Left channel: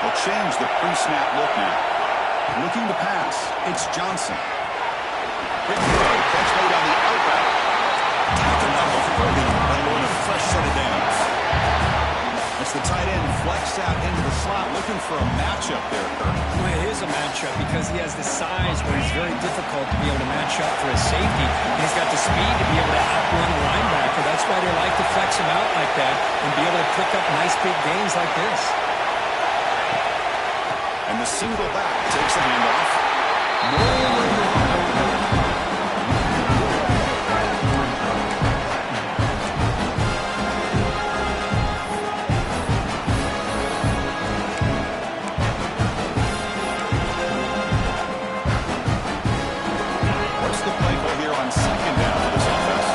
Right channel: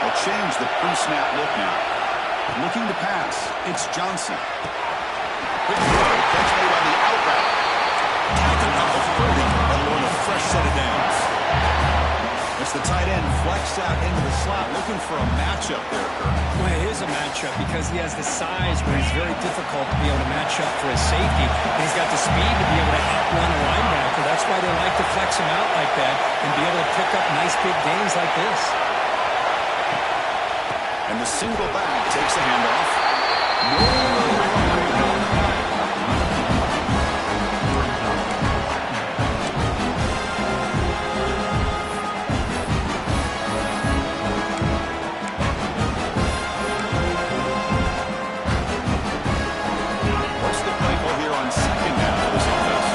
They'll change the pre-snap look now. Looking to pass. It's Johnson. Quick throw. Catch made on the out route. Tackled off of 30 and learn a fresh set of downs. It's the tight end flexed out into the slot, looking for a matchup there, Kirk. Well, it is a matchup because he has the size where he's very difficult to be able to match up for his safety. And he's got the speed to be able to outrun a linebacker. That's why they like to flex him out like that and be able to pick up nice big gains like this. And the single back takes the handoff. Nowhere to run. What's the play call here on second down for this offense?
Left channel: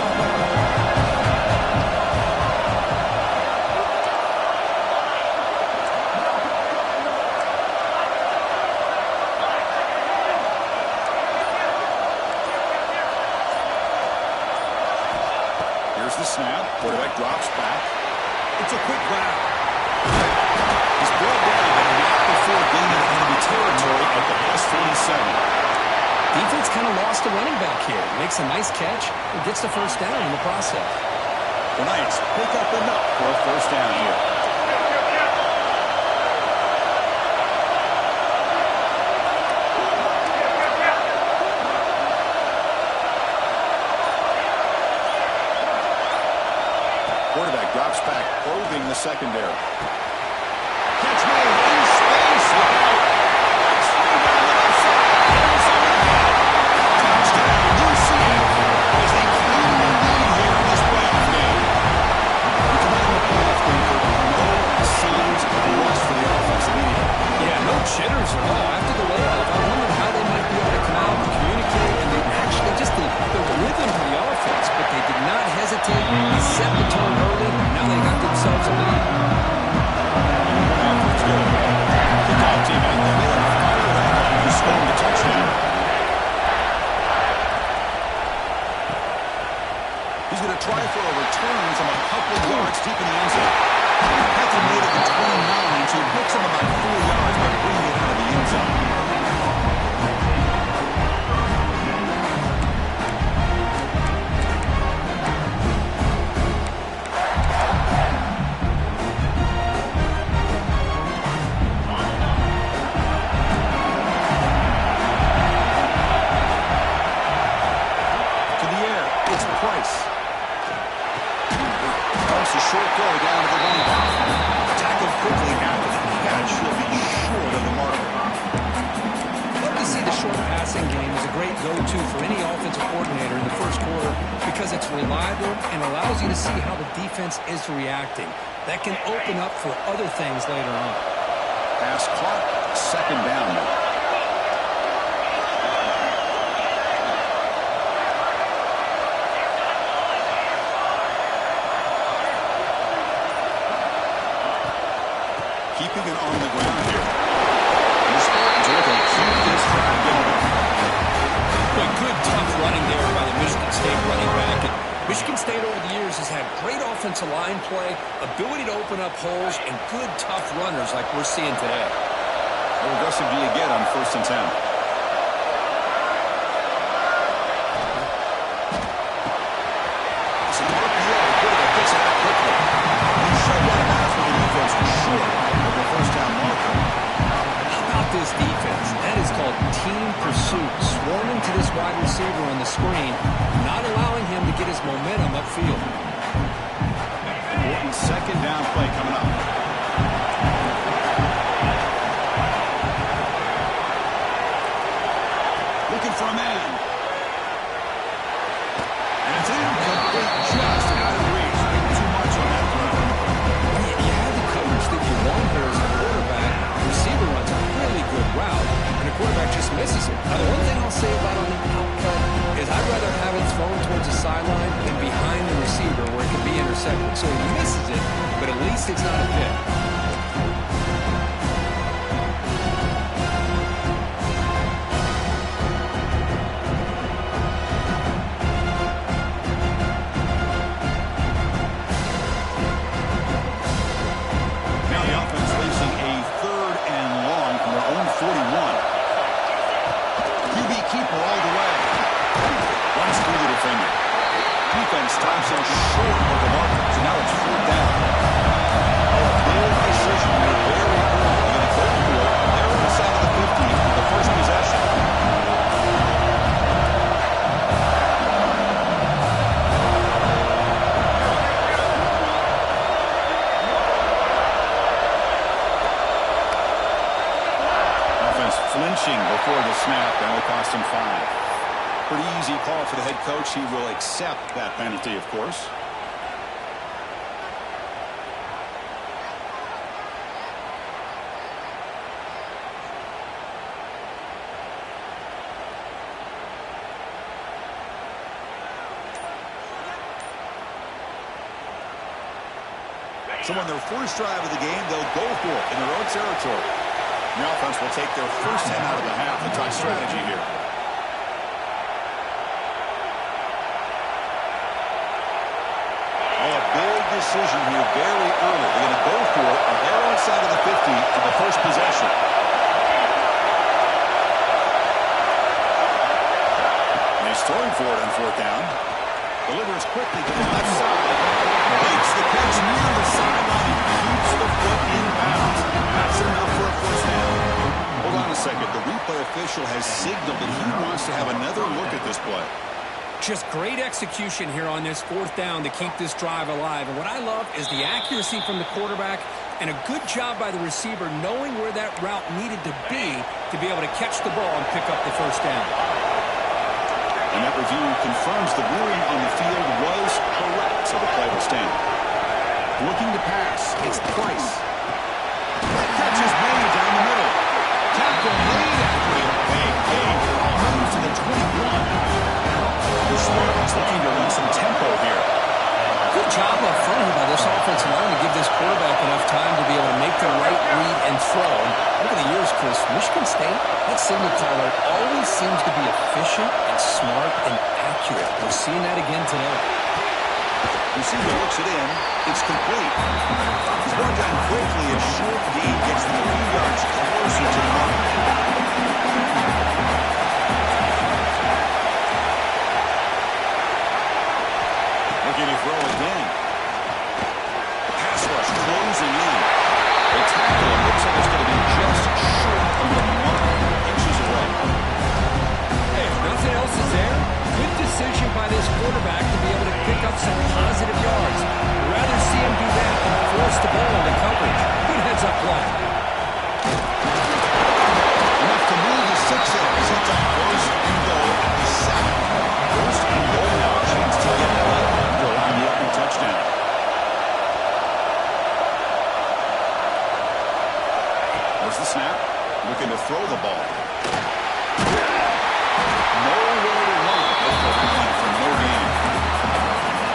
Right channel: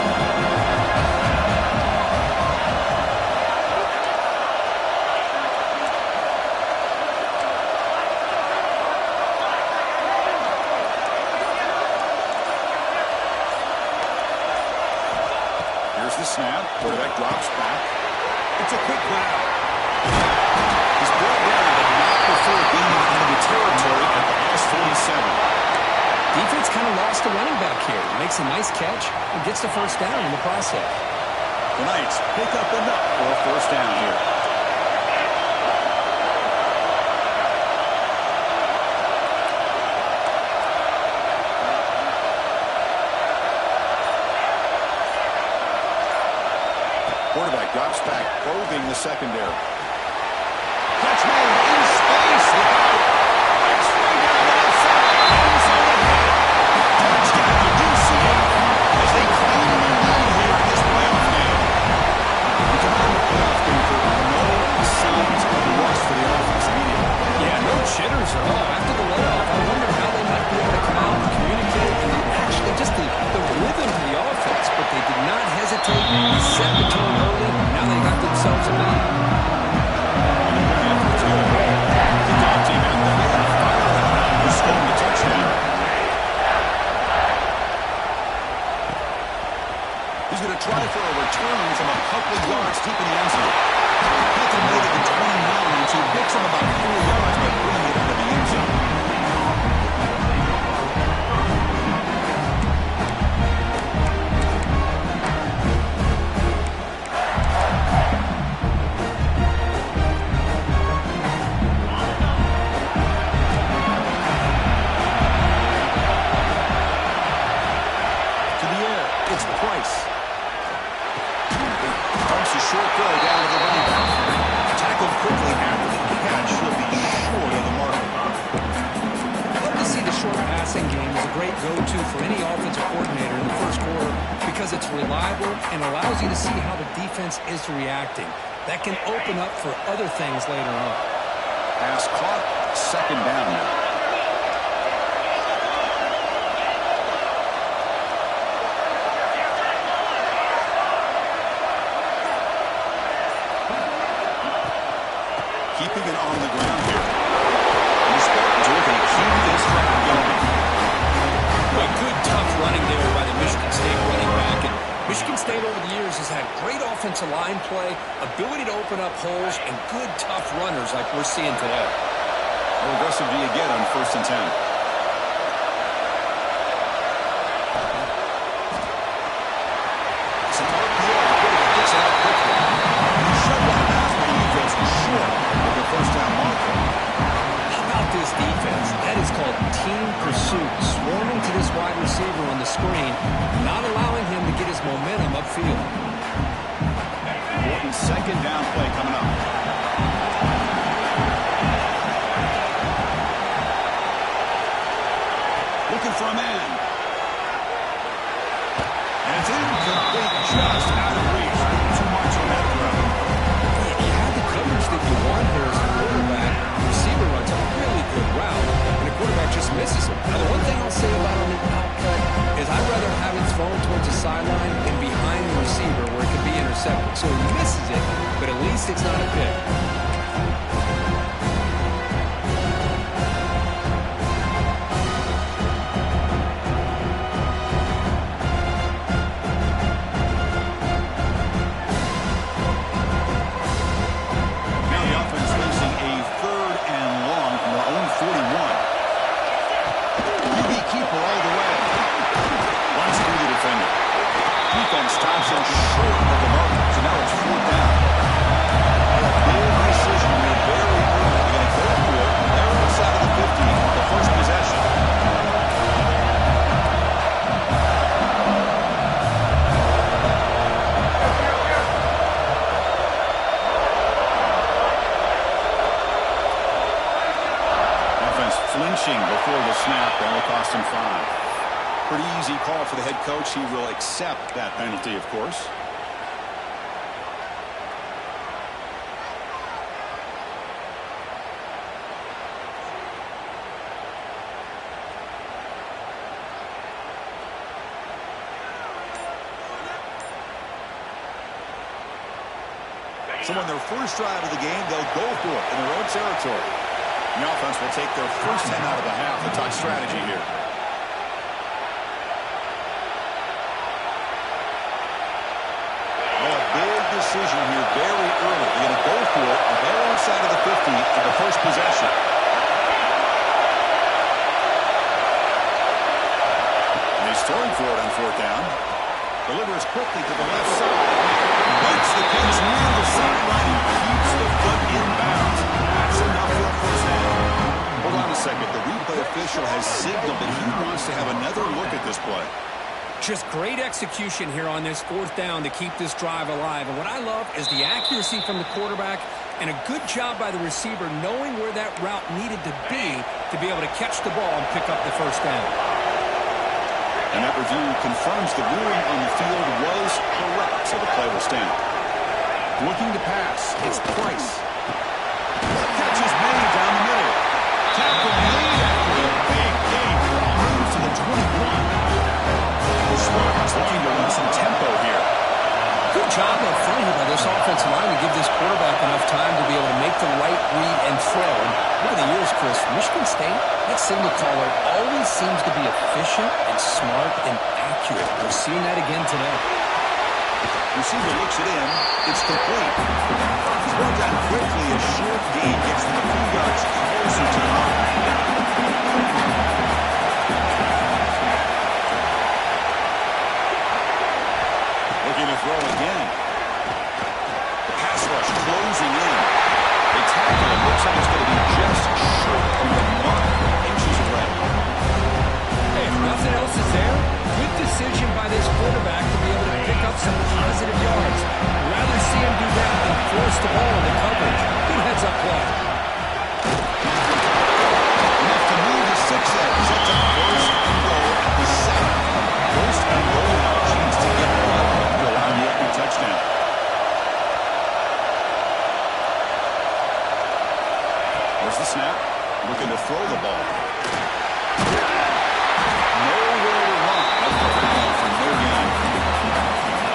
Here's the snap. Quarterback drops back. It's a quick grab. He's brought down, but not before getting into enemy territory at the plus 47. Defense kind of lost the running back here. Makes a nice catch and gets the first down in the process. The Knights pick up enough for a first down here. Quarterback drops back, probing the secondary. Catch made in space. Look out. Let's swing down the left side. End zone ahead. Touchdown, UCF, as they claim the lead here in this playoff game. We come out in the playoff game for no signs of rust for the offense immediately. Yeah, no jitters at all. After the layoff, I wondered how they might be able to come out and communicate and they actually just the rhythm to the offense, but they did not hesitate. They set the tone early. Now they got themselves a lead. Afterwards, good. Kickoff team out there. They had a fire out to score the touchdown. He's going to try for a return from a couple yards deep in the end zone. Pecker made it to 29, so he picks him about 4 yards by bringing it out of the end zone. To the air, it's Price. Dumps a short throw down to the running back. Tackled quickly after the catch. He'll be short of the marker. Love to see the short passing game is a great go-to for any offensive coordinator in the first quarter because it's reliable and allows you to see how the defense is reacting. That can open up for other things later on. Pass caught. Second down now. Keeping it on the ground here. And the Spartans are looking to keep this drive going. Well, good, tough running there by the Michigan State running back. And Michigan State over the years has had great offensive line play, ability to open up holes, and good, tough runners like we're seeing today. How aggressive do you get on 1st and 10? It's an RPO. The quarterback gets it out quickly. And he shoved out of bounds when the defense was short of the first down marker. How about this defense? That is called team pursuit. Swarming to this wide receiver on the screen, not allowing him to get his momentum upfield. Important second down play coming up. Looking for a man. And it's incomplete, just out of reach. Too much on that throw. You had the coverage that you want here as a quarterback. The receiver runs a really good route, and the quarterback just misses it. Now, the one thing I'll say about on an outcut is I'd rather have it thrown towards the sideline than behind the receiver where it could be intercepted. So he misses it, but at least it's not a pick. 41. QB keeper all the way. Runs through the defender. Defense stops him short of the marker. So now it's 4th down. A big decision here very early. They're going to go for it. They're inside of the 50, the first possession. Flinching before the snap, that will cost him 5. Pretty easy call for the head coach. He will accept that penalty, of course. So on their first drive of the game, they'll go for it in their own territory. The offense will take their first 10 out of the half to talk strategy here. Oh, a big decision here very early. They're going to go for it on their own side of the 50 for the first possession. And he's throwing for it on 4th down. Delivers quickly to the left side. Makes the catch near the sideline and keeps the foot in bounds. That's enough for a first down. Hold on a second. The replay official has signaled that he wants to have another look at this play. Just great execution here on this 4th down to keep this drive alive. And what I love is the accuracy from the quarterback and a good job by the receiver knowing where that route needed to be able to catch the ball and pick up the first down. And that review confirms the ruling on the field was correct, so the play will stand. Looking to pass, it's Price. Catch is made down the middle. Tackle made after a big gain. Moves to the 21. The Spartans looking to run some tempo here. Good job up front here by this offensive line to give this quarterback enough time to be able to make the right read and throw. And over the years, Chris, Michigan State, that signal caller always seems to be efficient and smart and accurate. We're seeing that again today. Receiver looks it in. It's complete. He's brought down quickly. A short gain gets them a few yards closer to the mark. Looking to throw again. Pass rush closing in. They tackle him. Looks like it's going to be just short of the mark. Inches away. Hey, if nothing else is there, good decision by this quarterback to be able to pick up some positive yards. I'd rather see him do that than force the ball into coverage. Good heads-up play. Enough to move the 6-end. Sets up 1st and goal at the 7. 1st and goal now. A chance to get one to allow the opening touchdown. There's the snap. Looking to throw the ball. Nowhere to run. That's the rally for no gain.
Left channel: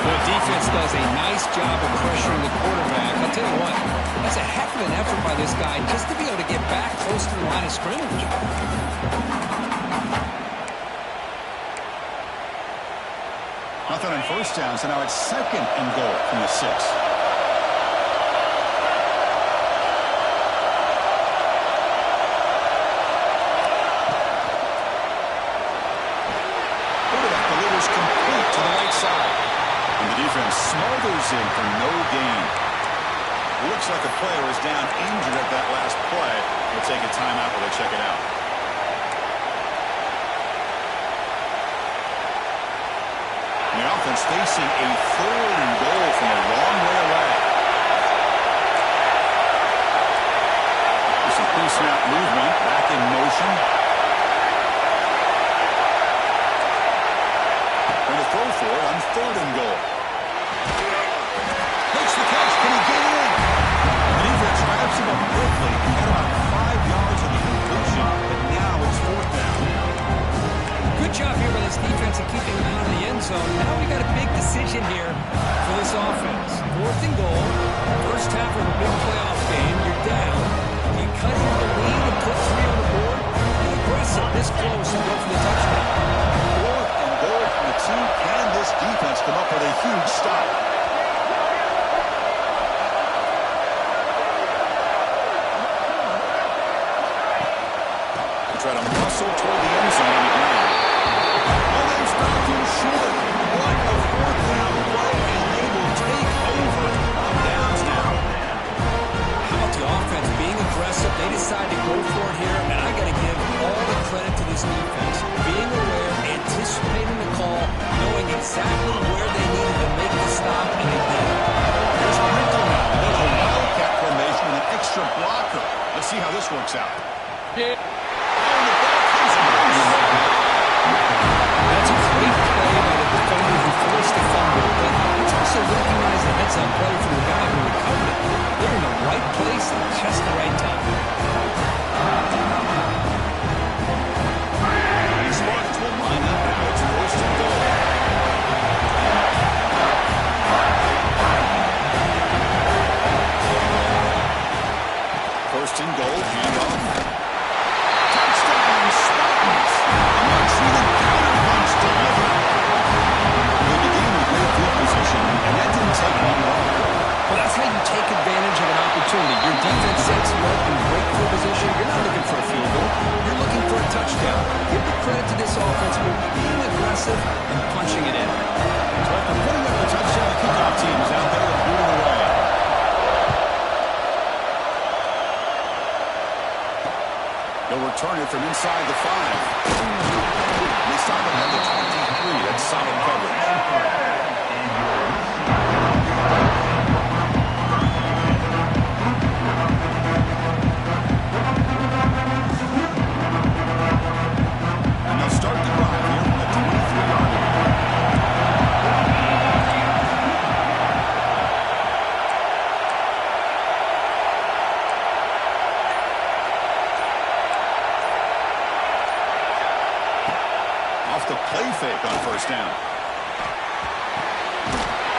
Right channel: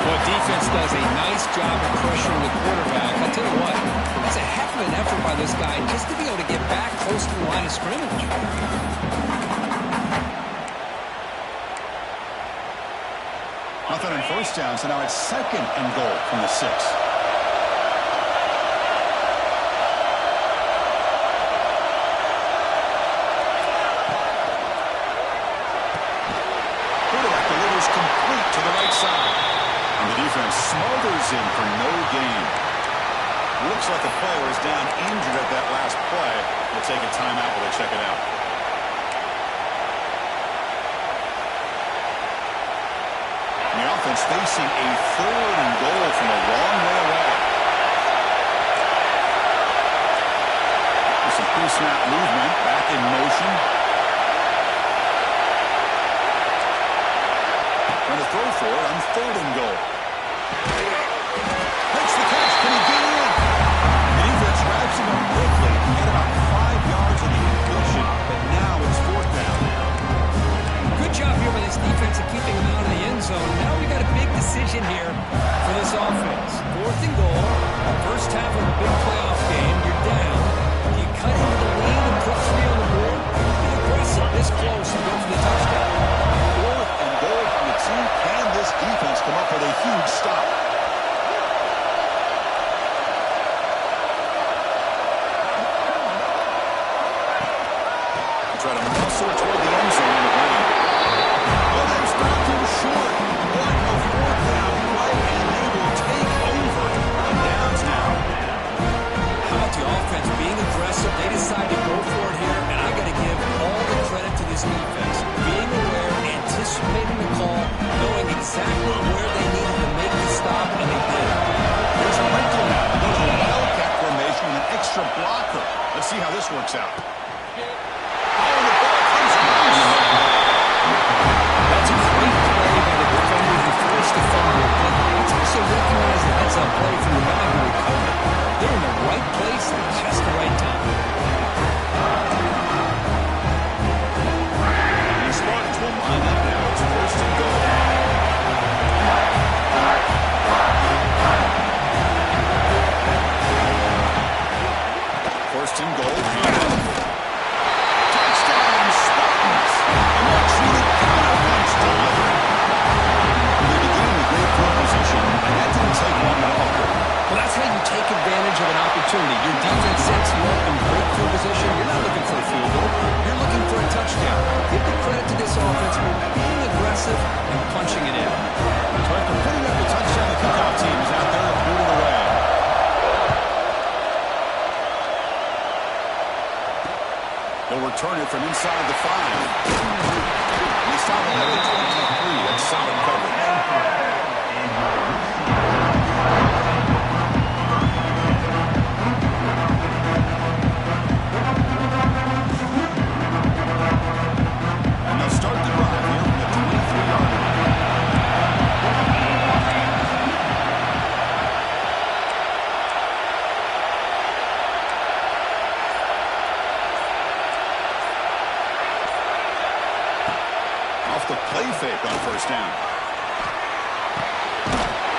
Well, defense does a nice job of pressuring the quarterback. I'll tell you what, that's a heck of an effort by this guy just to be able to get back close to the line of scrimmage. Nothing on 1st down, so now it's 2nd and goal from the 6. Quarterback delivers complete to the right side. And the defense smothers him for no gain. Looks like the player is down injured at that last play. We'll take a timeout while they check it out. The offense facing a 3rd and goal from a long way away. With some pre-snap movement, back in motion. Going to throw for it on 3rd and goal. Makes the catch. Can he get in? The defense wraps him up quickly. He got about 5 yards on the completion, but now it's 4th down. Good job here by this defense of keeping him out of the end zone. Now we got a big decision here for this offense. 4th and goal. First half of a big playoff game. You're down. Do you cut into the lead and put 3 on the board? Be aggressive this close and go for the touchdown. 4th and goal from the 2. Can this defense come up with a huge stop? try to muscle toward the end zone on the ground. Oh, they've stopped him short. What a fourth down play, and they will take over on downs now. How about the offense being aggressive? They decide to go for it here, and I got to give all the credit to this defense. Being aware, anticipating the call, knowing exactly where they needed to make the stop, and they did. Here's a wrinkle now. They go to a wildcat formation with an extra blocker. Let's see how this works out. Oh, the ball comes loose. That's a great play by the defender who forced the fumble, but let's also recognize the heads-up play from the guy who recovered it. They're in the right place at just the right time. These Spartans will line up now. It's first and goal. First and goal, handoff. Touchdown, Spartans! A much-needed counterpunch delivered. They began with great field position, and that didn't take long at all. Well, that's how you take advantage of an opportunity. Your defense sets you up in great field position. You're not looking for a field goal. You're looking for a touchdown. Give the credit to this offense for being aggressive and punching it in. So after putting up a touchdown, the kickoff team is out there to boot it away. They'll return it from inside the 5. They stop it at the 23. That's solid coverage. And they'll start the drive here from the 23-yard line. Off the play fake on first down.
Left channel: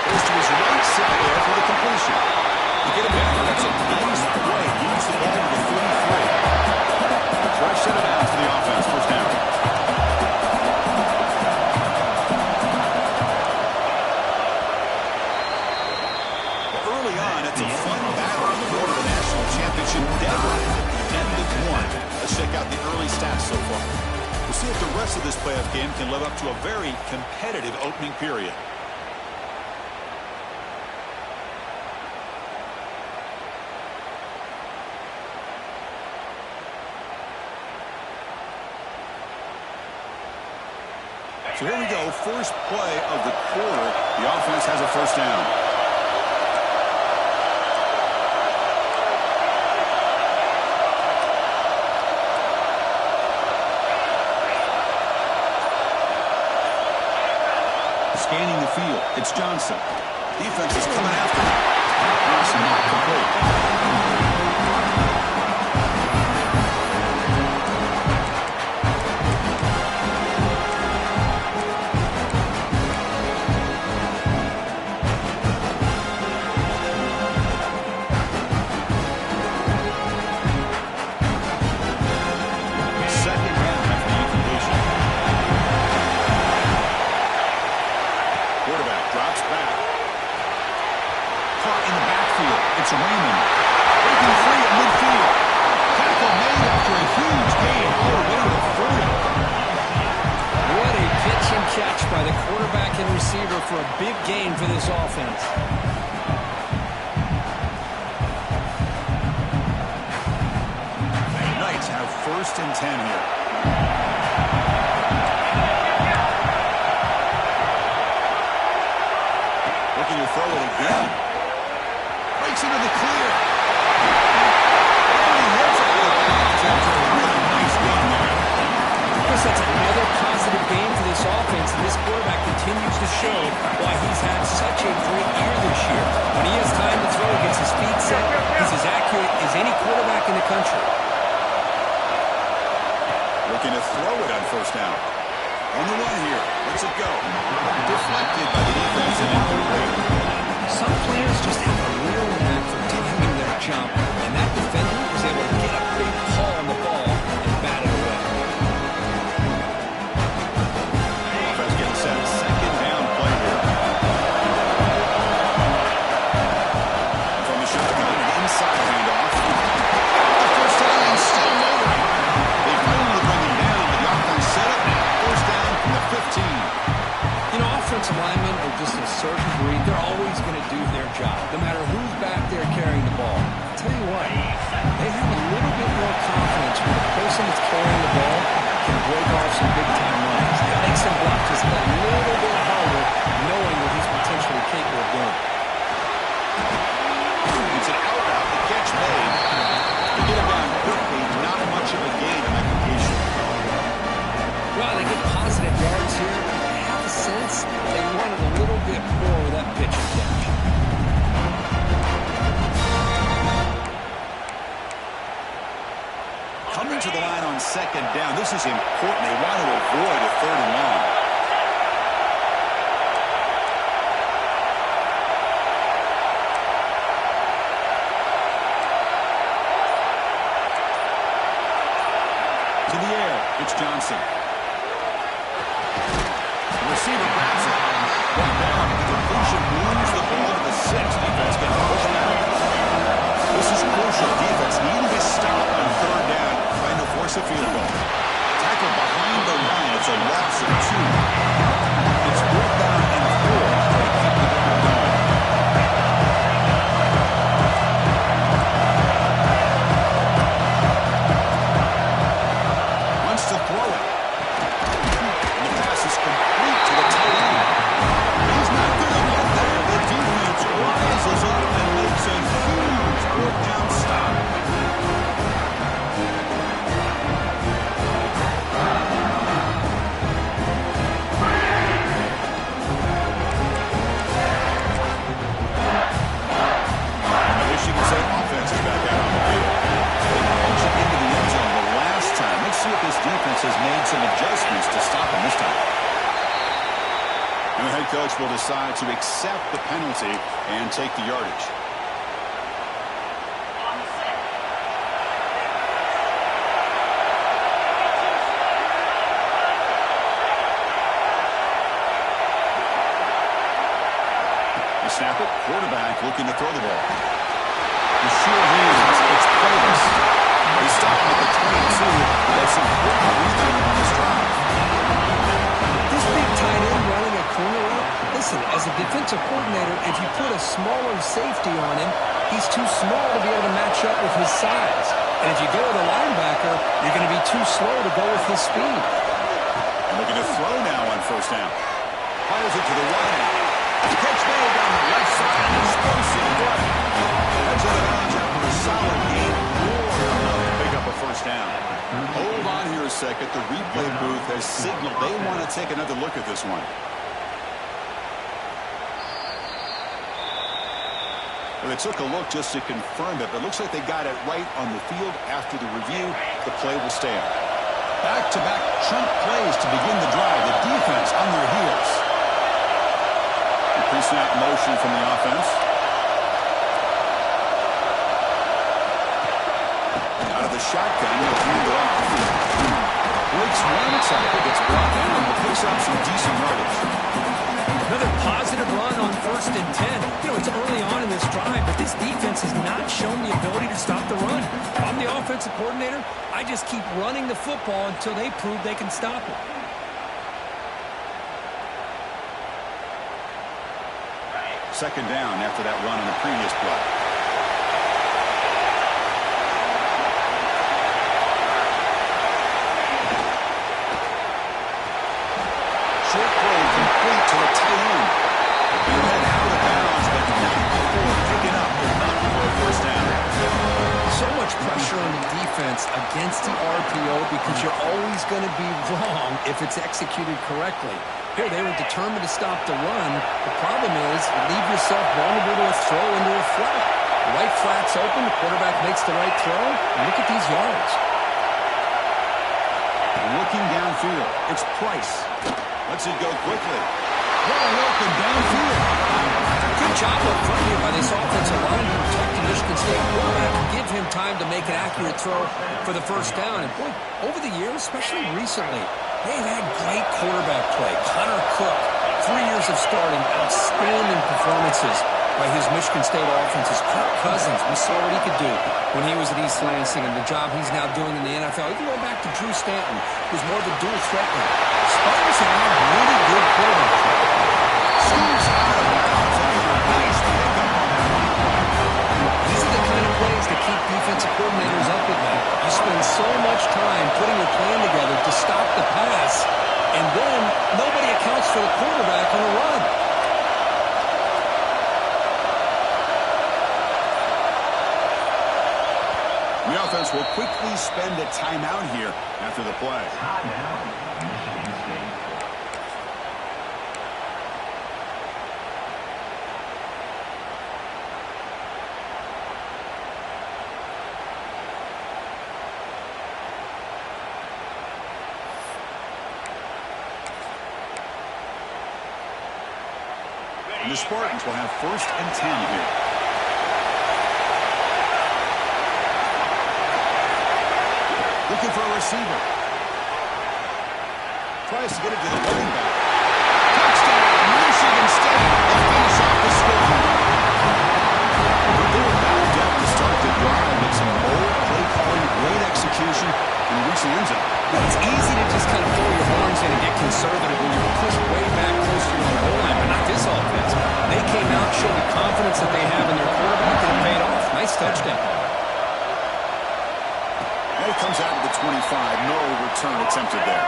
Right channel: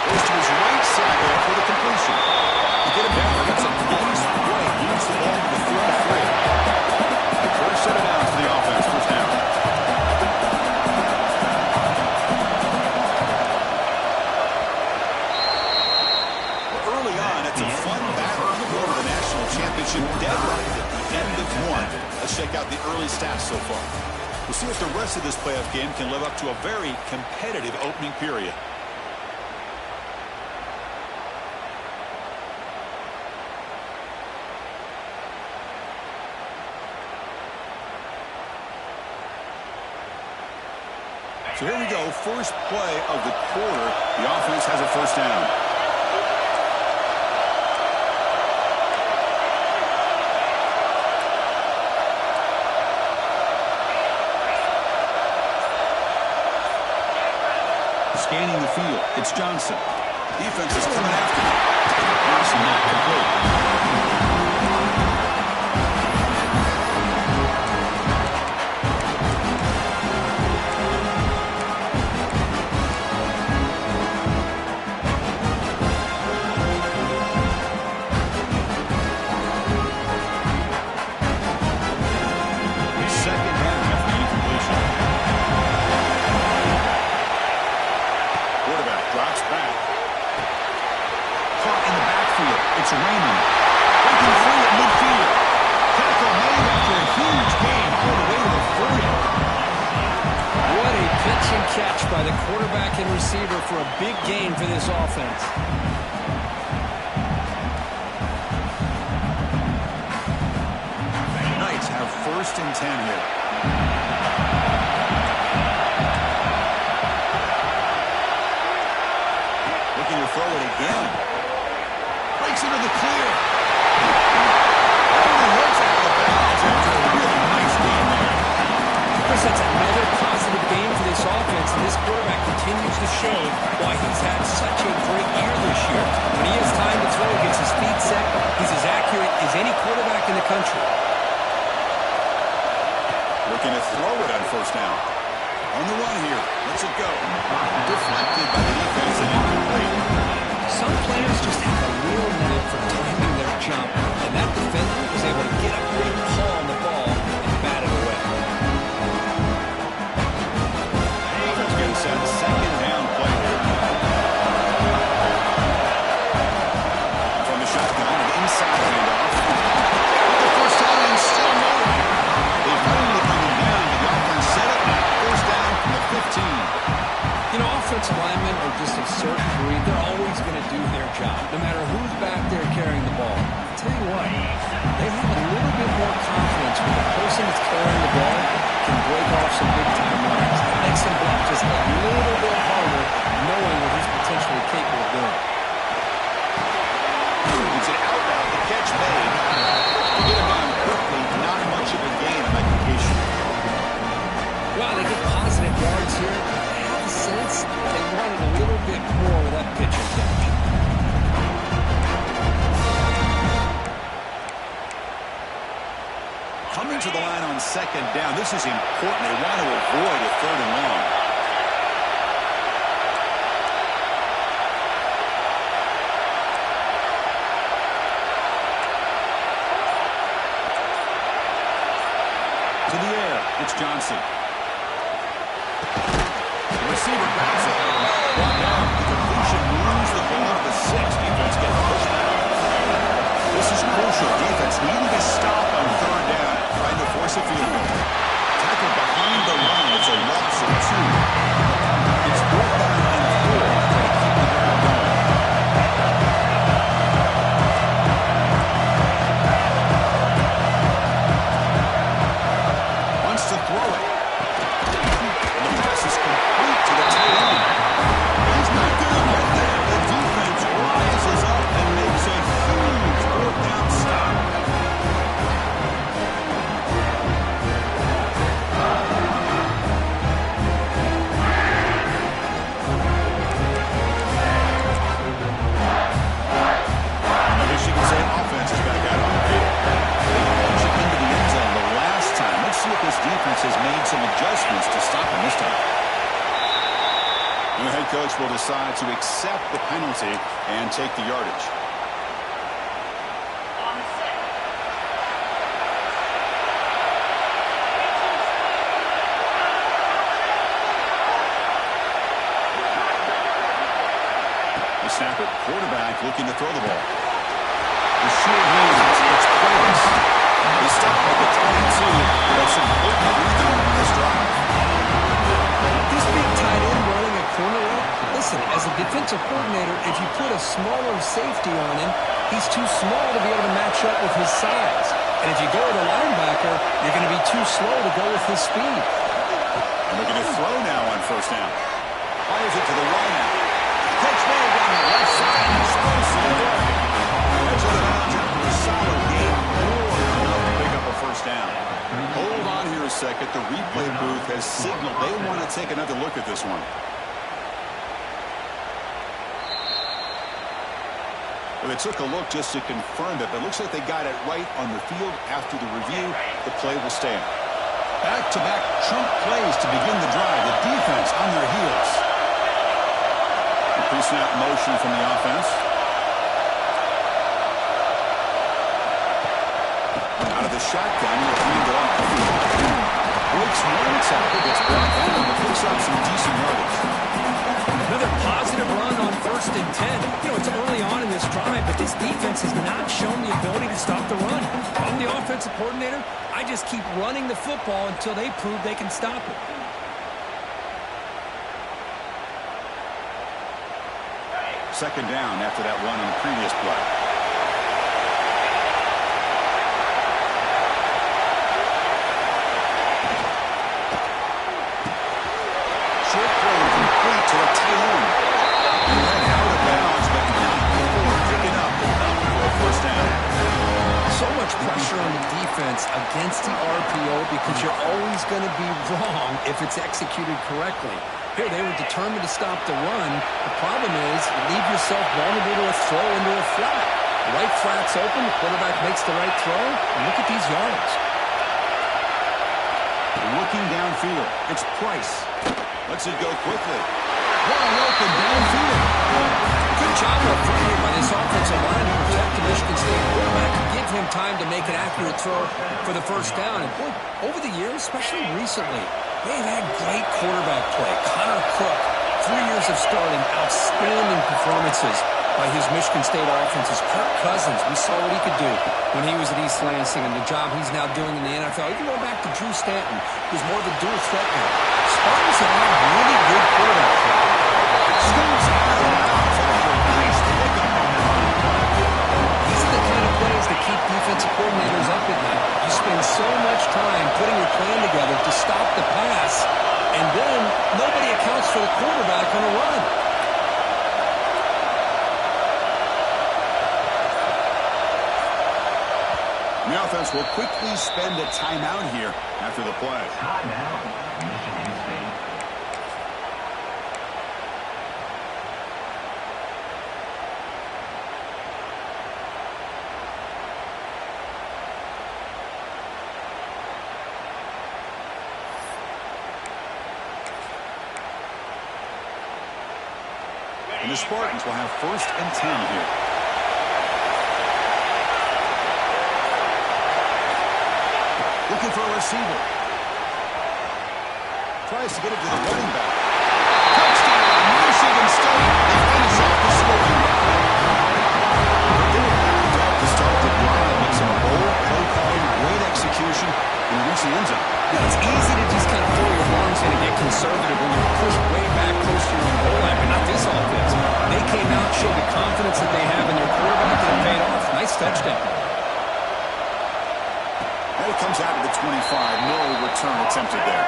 Goes to his right side there for the completion. To get him down, that's a nice play. Moves the ball to the 33. Fresh set of downs for the offense. First down. Well, early on, it's a fun battle on the road to the national championship deadline at the end of one. Let's check out the early stats so far. We'll see if the rest of this playoff game can live up to a very competitive opening period. So here we go, first play of the quarter. The offense has a first down. Scanning the field, it's Johnson. Defense is coming after him. Pass not complete. Second down after the incompletion. Quarterback drops back. Caught in the backfield. It's Raymond. Breaking free at midfield. Tackle made after a huge gain all the way to the 40. What a pitch and catch by the quarterback and receiver for a big gain for this offense. Knights have first and 10 here. Looking to throw it again. Breaks into the clear. And he hits out of bounds after a really nice game there. Chris, that's another positive game for this offense, and this quarterback continues to show why he's had such a great year this year. When he has time to throw, he gets his feet set. He's as accurate as any quarterback in the country. Looking to throw it on first down. On the run here. Let's it go. Deflected by the defense and incomplete. Some players just have a real knack for timing their jump, and that defender was able to get a big paw on the ball and bat it away. Offense getting set. Second down play here. From the shotgun, an inside handoff. Got the first down and still motoring. They finally bring job, no matter who's back there carrying the ball. I'll tell you what, they have a little bit more confidence when the person that's carrying the ball can break off some big-time runs. It makes them block just a little bit harder, knowing what he's potentially capable of doing. It's an out route, the catch made. To get him down quickly, not much of a gain on that completion. Well, they get positive yards here. I have a sense they wanted a little bit more with that pitch and catch. Coming to the line on second down, this is important. They want to avoid a third and long. To the air, it's Johnson. The receiver grabs it. Brought down. The completion moves the ball to the 6. Defense getting pushed out. This is crucial. Defense needing to stop on third down, trying to force a field goal. Tackled behind the line. It's a loss of 2. It's brought down in 4. They keep the drive going. Wants to throw it. And the pass is complete to the tight end. He's not going to get there. The defense rises up and makes a huge fourth down stop. And the Michigan State offense is back out on the field. They punched it into the end zone the last time. Let's see if this defense has made some adjustments to stop him this time. And the head coach will decide to accept the penalty and take the yardage. They snap it. Quarterback looking to throw the ball. The sure hands. It's Plavis. They stop at the 22. That's some good breathing on this drive. This big tight end running a corner route, listen, as a defensive coordinator, if you put a smaller safety on him, he's too small to be able to match up with his size. And if you go with a linebacker, you're going to be too slow to go with his speed. And looking to throw now on first down. Fires it to the right out. Catch made down the left side. Explosive play. Heads out of bounds after a solid game. More than enough to pick up a first down. Hold on here a second. The replay booth has signaled they want to take another look at this one. Well, they took a look just to confirm it, but it looks like they got it right on the field. After the review, the play will stand. Back-to-back chunk plays to begin the drive. The defense on their heels. Pre-snap motion from the offense. Out of the shotgun, he'll hand it off. Breaks one tackle, gets brought down, but picks up some decent yardage. Another positive run on 1st and 10. You know, it's early on in this drive, but this defense has not shown the ability to stop the run. If I'm the offensive coordinator, I just keep running the football until they prove they can stop it. Second down after that run on the previous play. Short throw complete to the tight end. He went out of bounds, but not before picking up enough for a first down. So much pressure on the defense against the RPO because you're always going to be wrong if it's executed correctly. Here, they were determined to stop the run. The problem is you leave yourself vulnerable to a throw into a flat. The right flat's open, the quarterback makes the right throw, and look at these yards. Looking downfield, it's Price. Lets it go quickly. Wide open downfield. Good job up front here by this offensive line to protect the Michigan State quarterback and give him time to make an accurate throw for the first down. And boy, over the years, especially recently, they've had great quarterback play. Connor Cook, 3 years of starting, outstanding performances by his Michigan State offenses. Kirk Cousins, we saw what he could do when he was at East Lansing and the job he's now doing in the NFL. Even going back to Drew Stanton, who's more of a dual threat guy. Spartans have had really good quarterback play. Scoops out of bounds after a nice pickup on to keep defensive coordinators up at night. You spend so much time putting your plan together to stop the pass, and then nobody accounts for the quarterback on a run. The offense will quickly spend a timeout here after the play. Timeout, Michigan State. And the Spartans will have 1st and 10 here. Looking for a receiver. Tries to get it to the running back. Touchdown, Michigan State. They finish off the scoring drive. But they were backed up to start the drive. Make some bold play calling, great execution, and reach the end zone. Yeah, it's easy to just kind of throw your horns in and get conservative when you're pushed way back close to your own goal line, but not this offense. They came out, showed the confidence that they have in their quarterback, and it paid off. Nice touchdown. And it comes out of the 25. No return attempted there.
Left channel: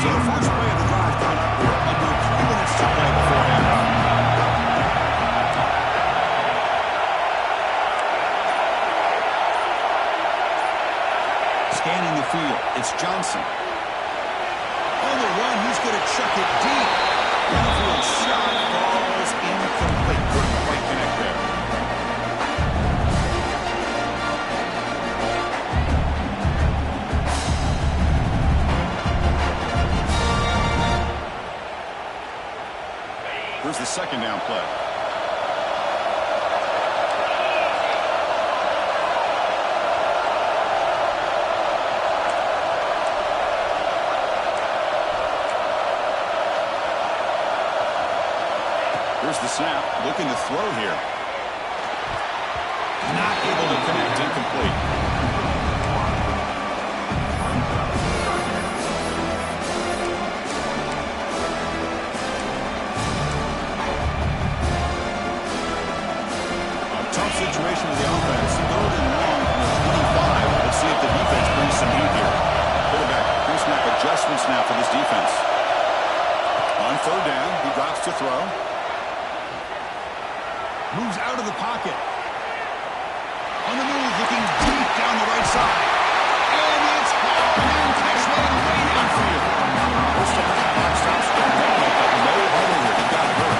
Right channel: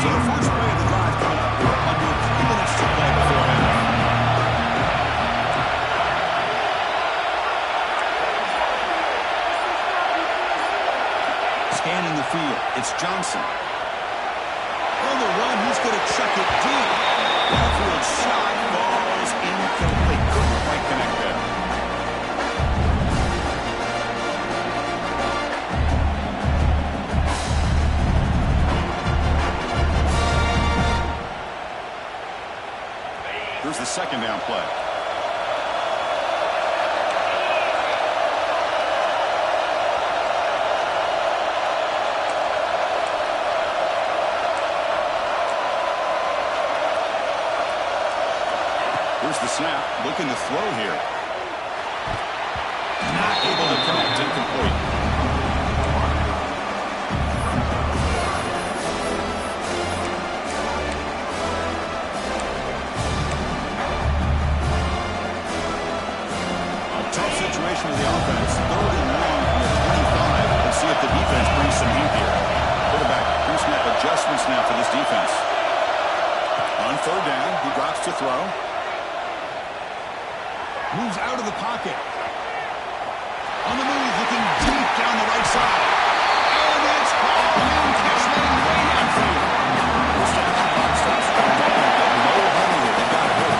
So the first play of the drive coming up here. Under 3 minutes to play before half. Scanning the field, it's Johnson. On the run, he's going to chuck it deep. Downfield shot falls incomplete. Couldn't quite connect there. Here's the 2nd down play. Here's the snap, looking to throw here. Not able to connect, incomplete. A tough situation with the offense. 3rd and long from the 25. Let's see if the defense brings some heat here. Quarterback, pre-snap adjustments now for this defense. On 3rd down, he drops to throw. Moves out of the pocket. On the move, looking deep down the right side. And it's hauled in, catch made way downfield. First down, clock stops for a moment, but no huddle here. They got it hurt.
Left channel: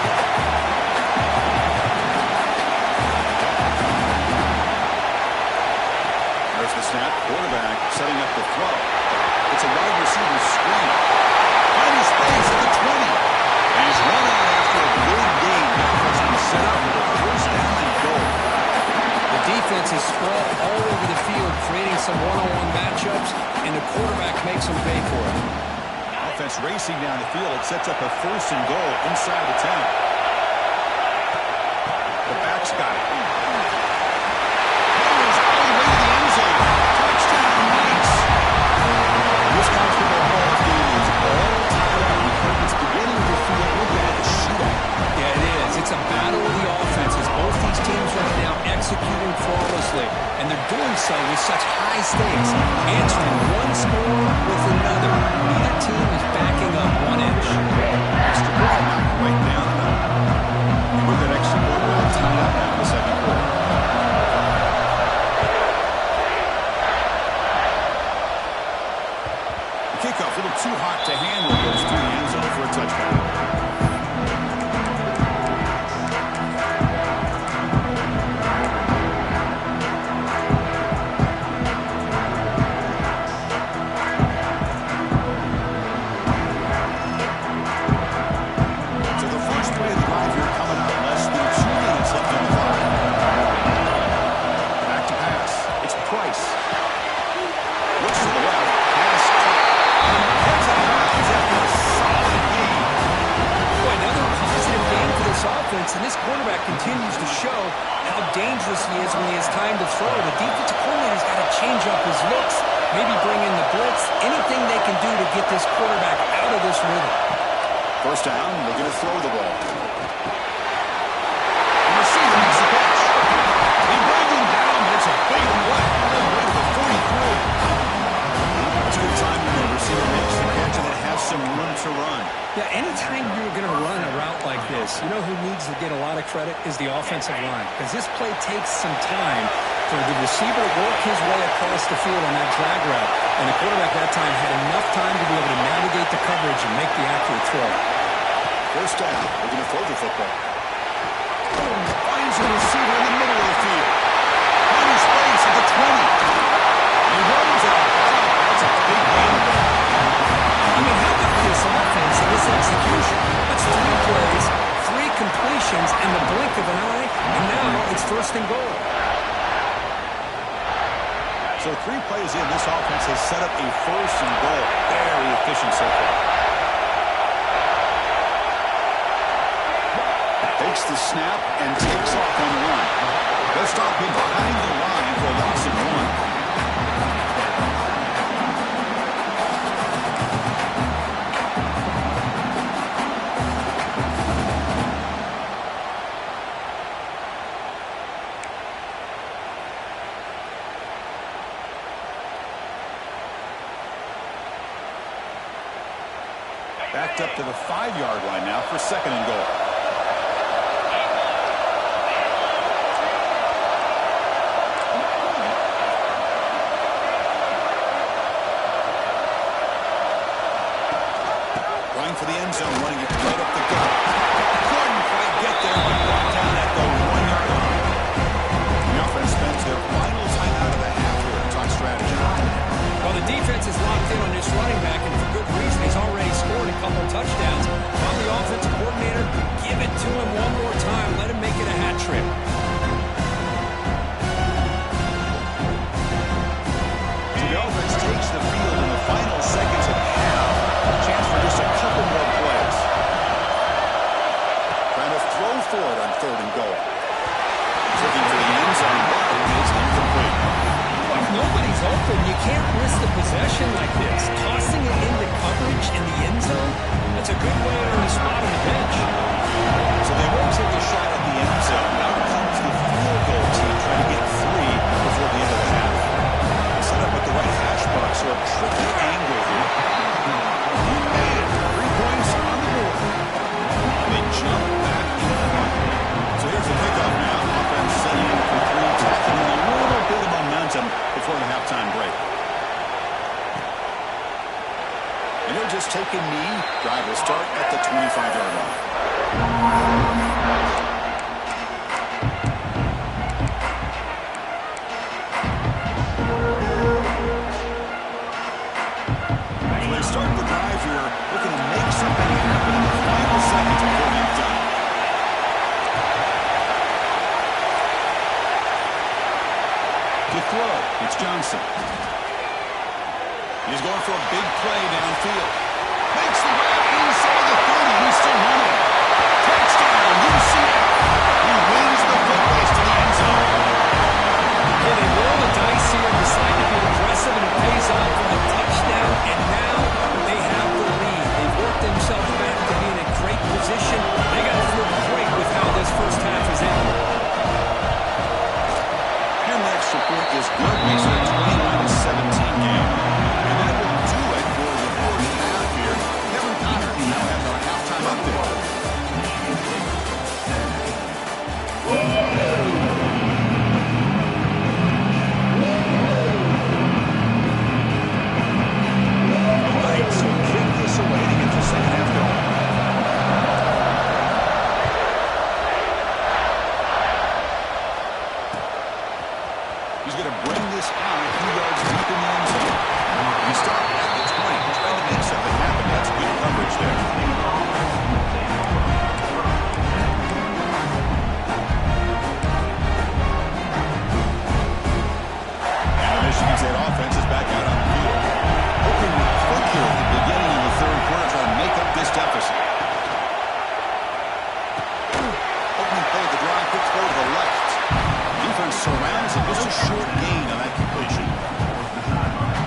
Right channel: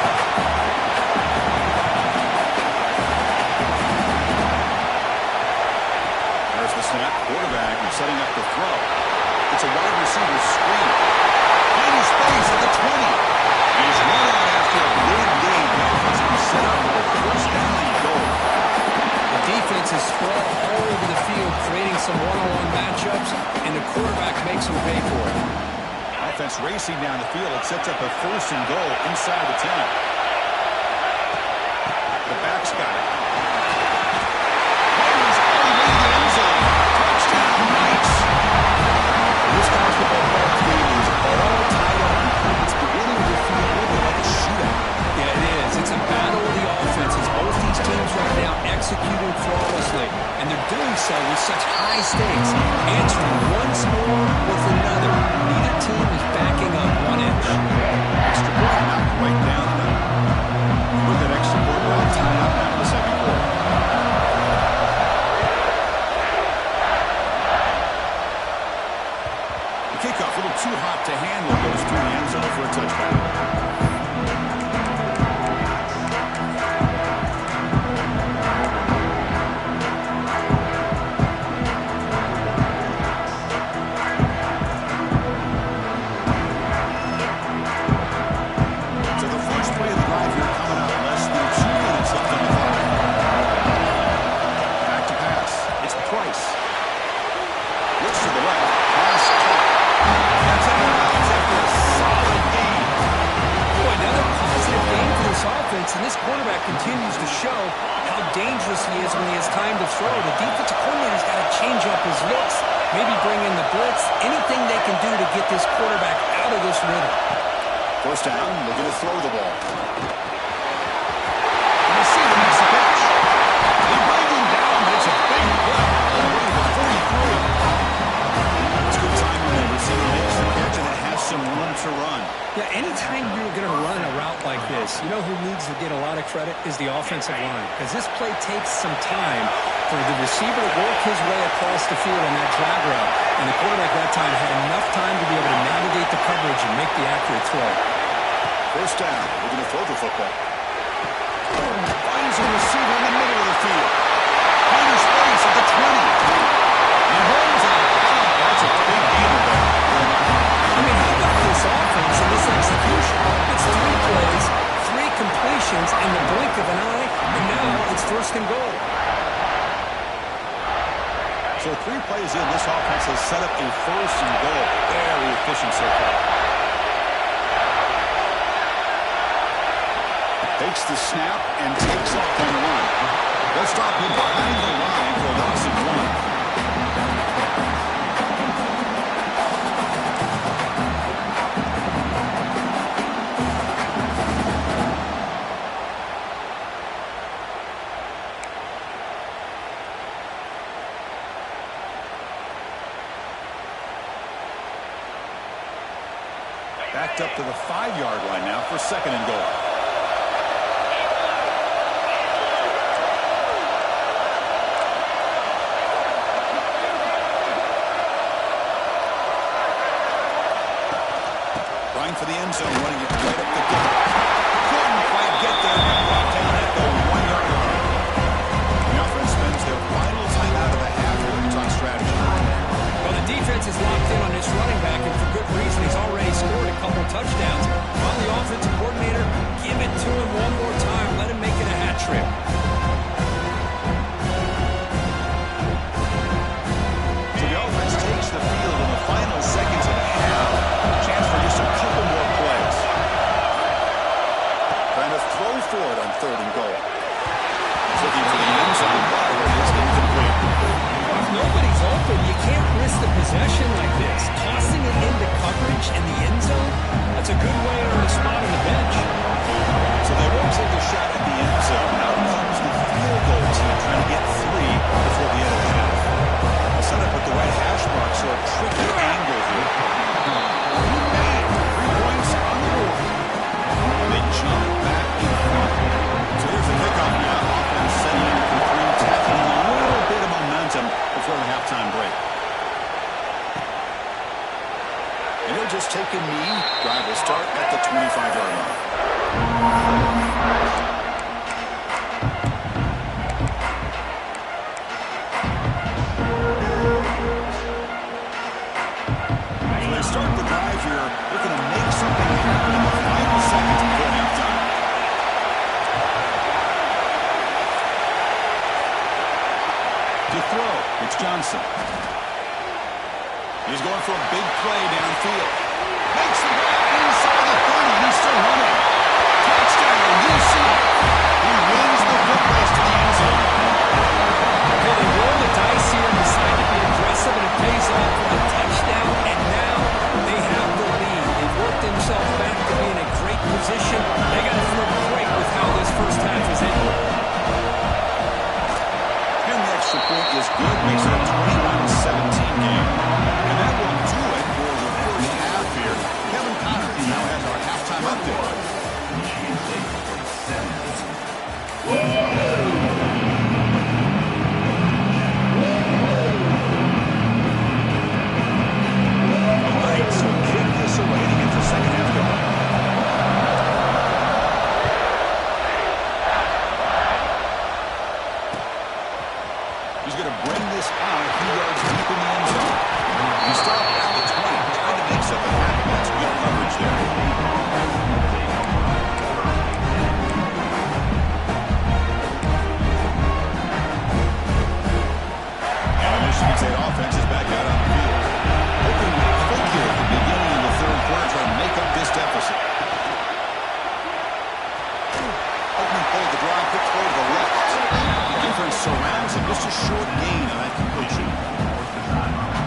There's the snap. Quarterback setting up the throw. It's a wide receiver screen. Finding space at the 20. And he's run out after a big gain. The offense can set up with a 1st down and goal. The defense is spread all over the field, creating some one-on-one matchups, and the quarterback makes them pay for it. Offense racing down the field. It sets up a 1st and goal inside the 10. The back's got it. Runners all the way to the end zone. Touchdown, Knights. This college football playoff game is all tied up. It's beginning to feel a little bit like a shootout. Yeah, it is. It's a battle of the offenses. Both these teams right now executing flawlessly, and they're doing so with such high stakes, answering one score with another. Neither team is backing up 1 inch. Extra point knocked right down the middle. With that extra point well tied up now in the 2nd quarter. The kickoff a little too hot to handle, goes through the end zone for a touchdown. So the first quarterback continues to show how dangerous he is when he has time to throw. The defensive coordinator's got to change up his looks, maybe bring in the blitz, anything they can do to get this quarterback out of this rhythm. First down, looking to throw the ball. The receiver makes the catch. He brings him down, but it's a big play all the way to the 43. It's a good time when the receiver makes the catch and it has some room to run. Yeah, anytime you're going to run a route like this, you know who needs to get a lot of credit is the offensive line, because this play takes some time for the receiver to work his way across the field on that drag route, and the quarterback that time had enough time to be able to navigate the coverage and make the accurate throw. First down, we're going to throw the football. Finds a receiver in the middle of the field. Finds space at the 20. He rolls out. That's a big gainer there. I mean, how about this offense and this execution? It's 3 plays, 3 completions in the blink of an eye, and now it's first and goal. So 3 plays in, this offense has set up a first and goal. Very efficient so far. Takes the snap and takes off on the run. They'll stop him behind the line for a loss of 1. Backed up to the 5-yard line now for second and goal. Running for the end zone, running it right up the gut. Couldn't quite get there, but brought down at the 1-yard line. The offense spends their final timeout of the half here to talk strategy. Well, the defense is locked in on this running back, and for good reason. He's already scored a couple touchdowns. While the offensive coordinator, give it to him one more time. Let him make it a hat trick. So the offense takes the field in the final seconds of the half. Chance for just a couple more plays. Trying to throw for it on third and goal. He's looking for the end zone, but it is incomplete. If nobody's open, you can't risk the possession like this. Tossing it into coverage in the end zone, that's a good way to earn a spot on the bench. So they won't take a shot at the end zone. Out comes the field goal team trying to get 3 before the end of the half. They'll set up at the right hash mark, so a tricky angle here. He made it. 3 points on the board. And they jump back in front. So here's the kickoff now. Offense setting in for 3, tacking a little bit of momentum before the halftime break. And he'll just take a knee. Drive will start at the 25-yard line. So they start the drive here, looking to make something happen in the final seconds before halftime. To throw, it's Johnson. He's going for a big play downfield. Makes the grab inside the 30, and he's still running. Touchdown, UCF. He wins the foot race to the end zone. Okay, they roll the dice here and decide to be aggressive, and it pays off for a touchdown, and now they have the lead. They've worked themselves back to be in a great position. They got to feel great with how this first half is ending. And the extra point is good, makes it a 21-17 game. And that will do it for the first half here. Kevin Connor now has our halftime update. All right, so kick this away to get the second half going. He's going to bring this out a few yards deep in the end zone. He stopped at the 20, trying to make something happen. That's good coverage there. And the Michigan State offense is back out on the field. Hoping to click here at the beginning of the third quarter, trying to make up this deficit. Opening play of the drive defense surrounds him. Just a short gain on that completion.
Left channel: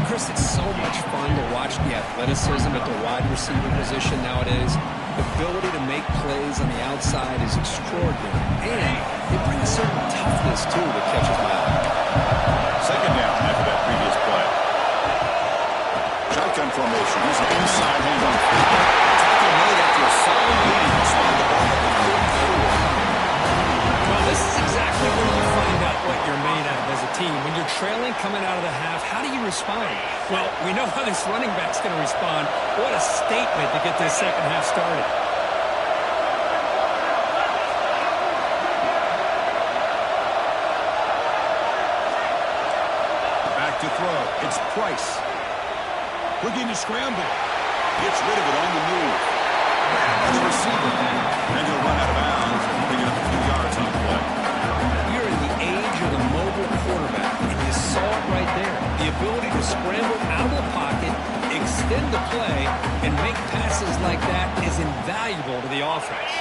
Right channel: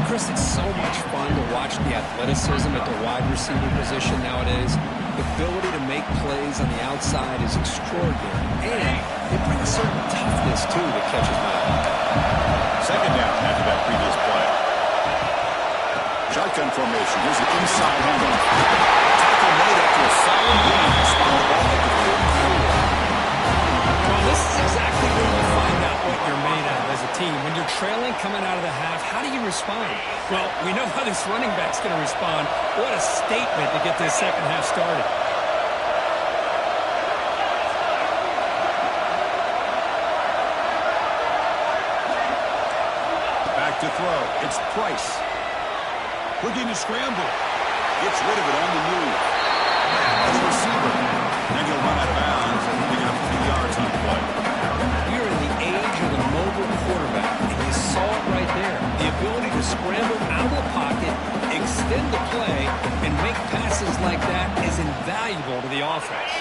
Chris, it's so much fun to watch the athleticism at the wide receiver position nowadays. The ability to make plays on the outside is extraordinary. And they bring a certain toughness, too, that catches my eye. Second down after that previous play. Shotgun formation. Here's an inside handoff. Tackle made after a solid gain. Spot the ball at the 44. Well, this is exactly where you find out what you're made of as a team. When you're trailing coming out of the half, how do you respond? Well, we know how this running back's going to respond. What a statement to get this second half started. Back to throw. It's Price. Looking to scramble. Gets rid of it on the move. Grab on the receiver. Then he'll run out of bounds and picking up a few yards on the play. We're in the age of the mobile quarterback, and you saw it right there. The ability to scramble out of the pocket, extend the play, and make passes like that is invaluable to the offense.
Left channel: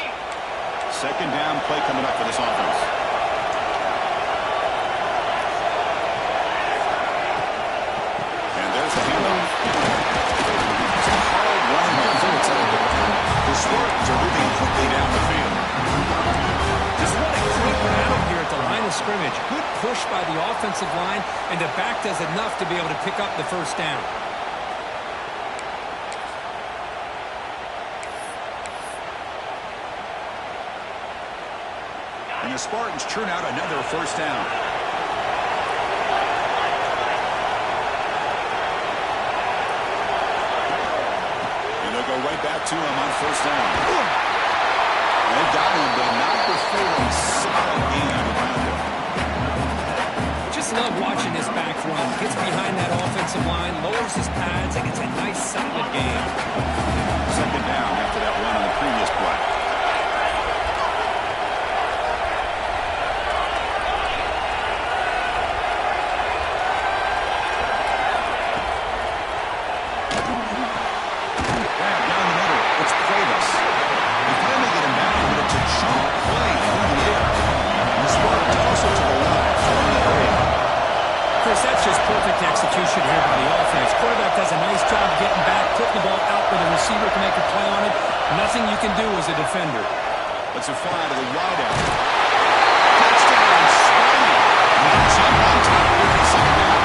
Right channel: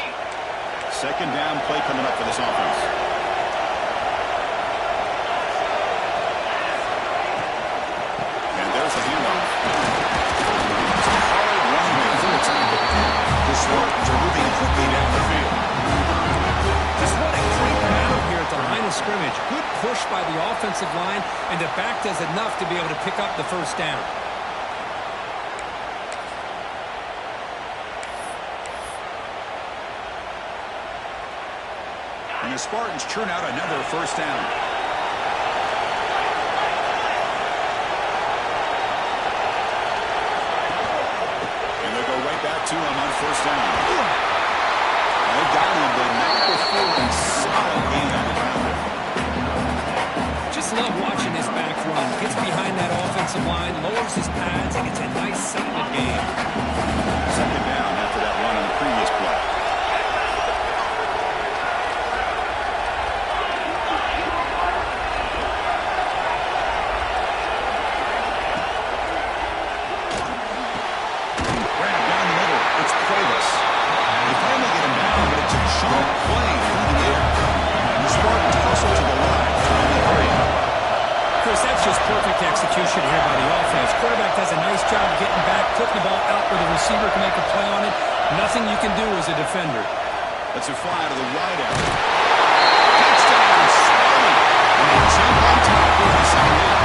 Second down play coming up for this offense. And there's the handoff. It's a hard run here for the tackle. The Spartans are moving quickly down the field. Just what a great battle here at the line of scrimmage. Good push by the offensive line, and the back does enough to be able to pick up the first down. And the Spartans churn out another first down. And they'll go right back to him on first down. They got him, but not before a solid gain on the ground there. Just love watching this back run. Gets behind that offensive line, lowers his pads, and it's a nice solid gain. Second down after that run on the previous play. Grab down the middle. It's Cuevas. They finally get him down, but it's a chunk play through the air. And the Spartans hustle to the line, trying to hurry him. Chris, that's just perfect execution here by the offense. Quarterback does a nice job getting back, putting the ball out where the receiver can make a play on it. Nothing you can do as a defender. Let's it fly to the wideout. Touchdown, Spurley. And they jump on top here in the second half.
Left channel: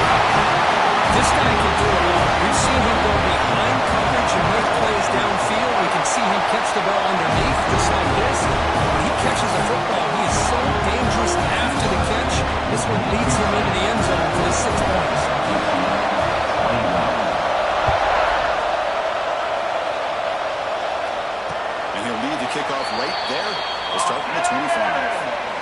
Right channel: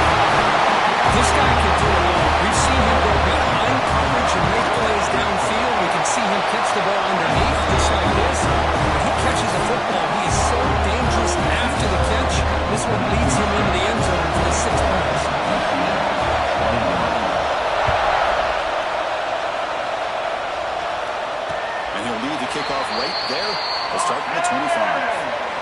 This guy can do it all. We've seen him go behind coverage and make plays downfield. We can see him catch the ball underneath, just like this. When he catches a football, he is so dangerous after the catch. This one leads him into the end zone for the 6 points. And he'll lead the kickoff right there. We'll start from the 25.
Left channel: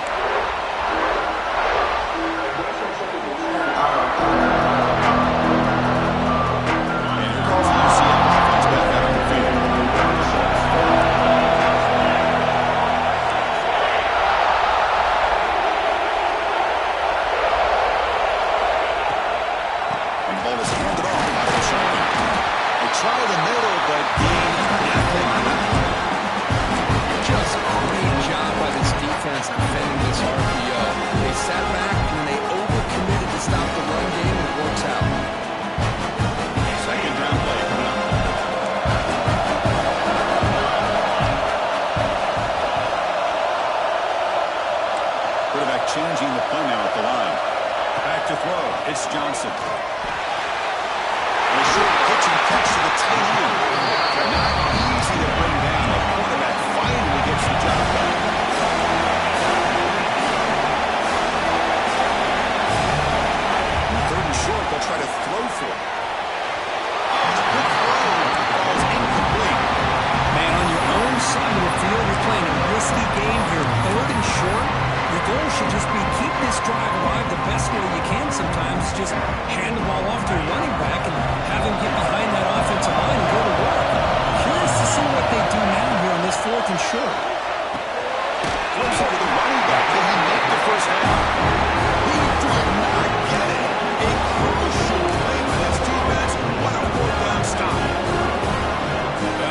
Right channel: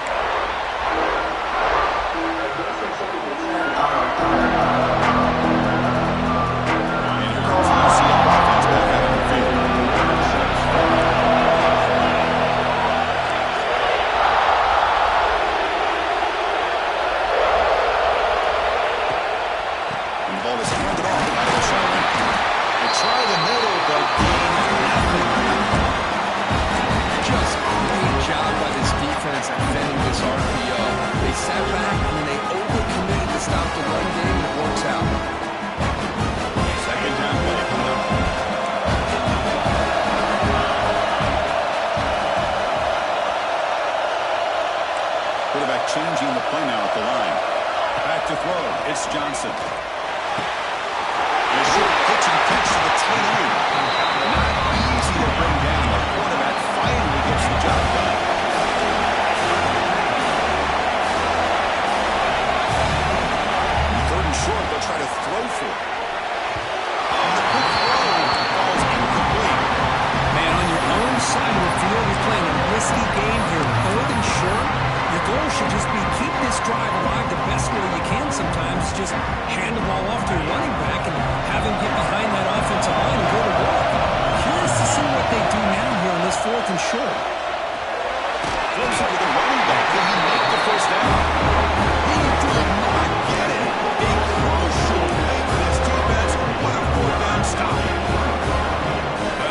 Try the middle, but gain nothing on that one. Just great job by this defense defending this RPO. They sat back and then they overcommitted to stop the run game, and it works out. Second down play coming up. Quarterback changing the play now at the line. Back to throw. It's Johnson. A short pitch and catch to the tight end. Not easy to bring down. The quarterback finally gets the job done. Third and short, they'll try to throw for it. Oh, the quick throw falls incomplete. Man, on your own side of the field, you're playing a risky game here. Third and short. Your goal should just be keep this drive alive the best way you can sometimes. Just hand the ball off to a running back and have him get behind that offensive line and go to work. Curious to see what they do now here on this fourth and short. Close it to the running back. Can he make the first down? He did not get it. A crucial play by this defense. What a fourth down stop.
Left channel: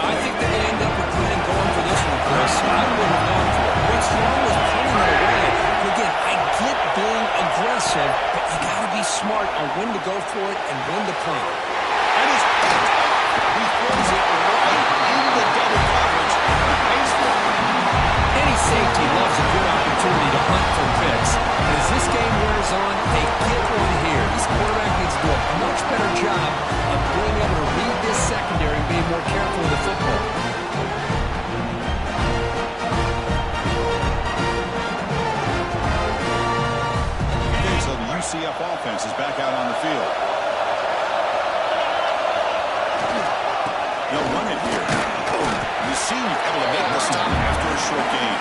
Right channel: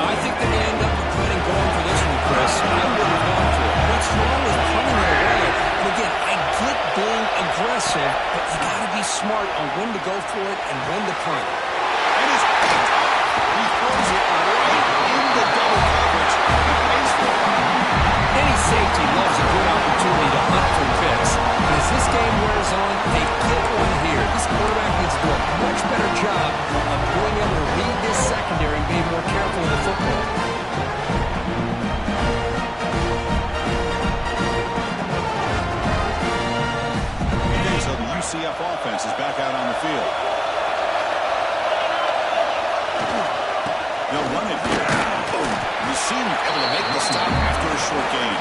I think they're going to end up regretting going for this one, Chris. I wouldn't have gone for it. What's wrong with punting it away? And again, I get being aggressive, but you got to be smart on when to go for it and when to punt. And it's picked off. He throws it right into double coverage. He pays for it. Any safety loves a good opportunity to hunt for picks. But as this game wears on, they get one here. This quarterback needs to do a much better job of being able to read this secondary and being more careful with the football. Okay, so the UCF offense is back out on the field. They'll run it here. Boom. The senior able to make the stop after a short gain.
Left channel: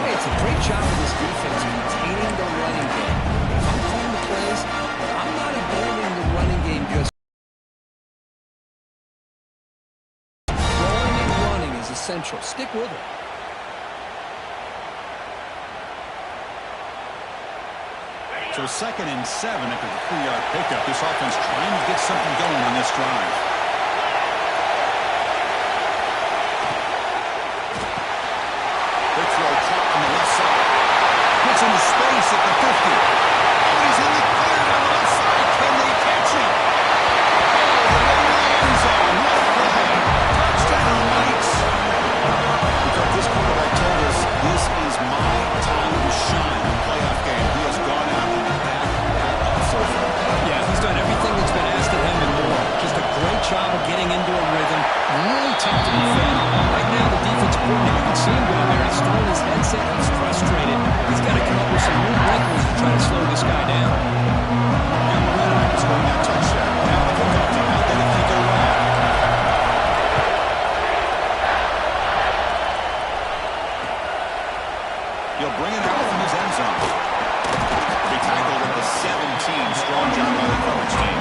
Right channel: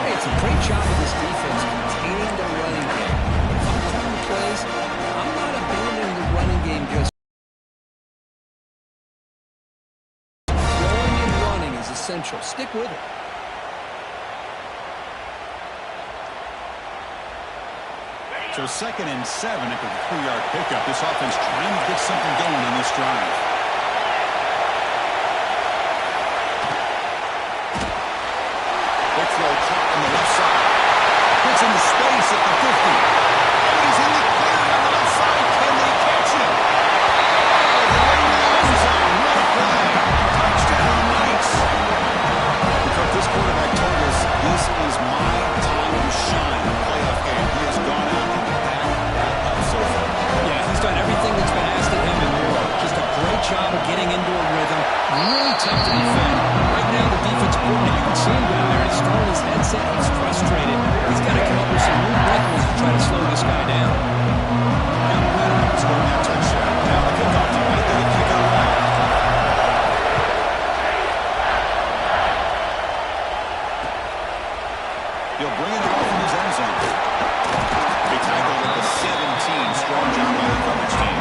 Hey, it's a great job of this defense containing the running game. But if I'm calling the plays, I'm not abandoning the running game just. Throwing and running is essential. Stick with it. So 2nd and 7 after the 3-yard pickup. This offense trying to get something going on this drive. Big throw caught on the left side. Gets into space at the 50. And he's in the clear down the left side. Can they catch him? Oh, the way to the end zone. What a play. Touchdown, Knights. Because this quarterback told us this is my time to shine. A playoff game. He has gone out and backed that up so far. Yeah, he's done everything that's been asked of him and more. Just a great job of getting into a rhythm. Really tough to defend. Right now, the defense coordinator, you can see him down there. He's throwing his headset. He's frustrated. He's got to come up with some new wrinkles to try to slow this guy down. Young Redeye scoring that touchdown. Now the kickoff team out there to kick it away. He'll bring it out from his end zone. Be tackled at the 17. Strong job by the coverage team.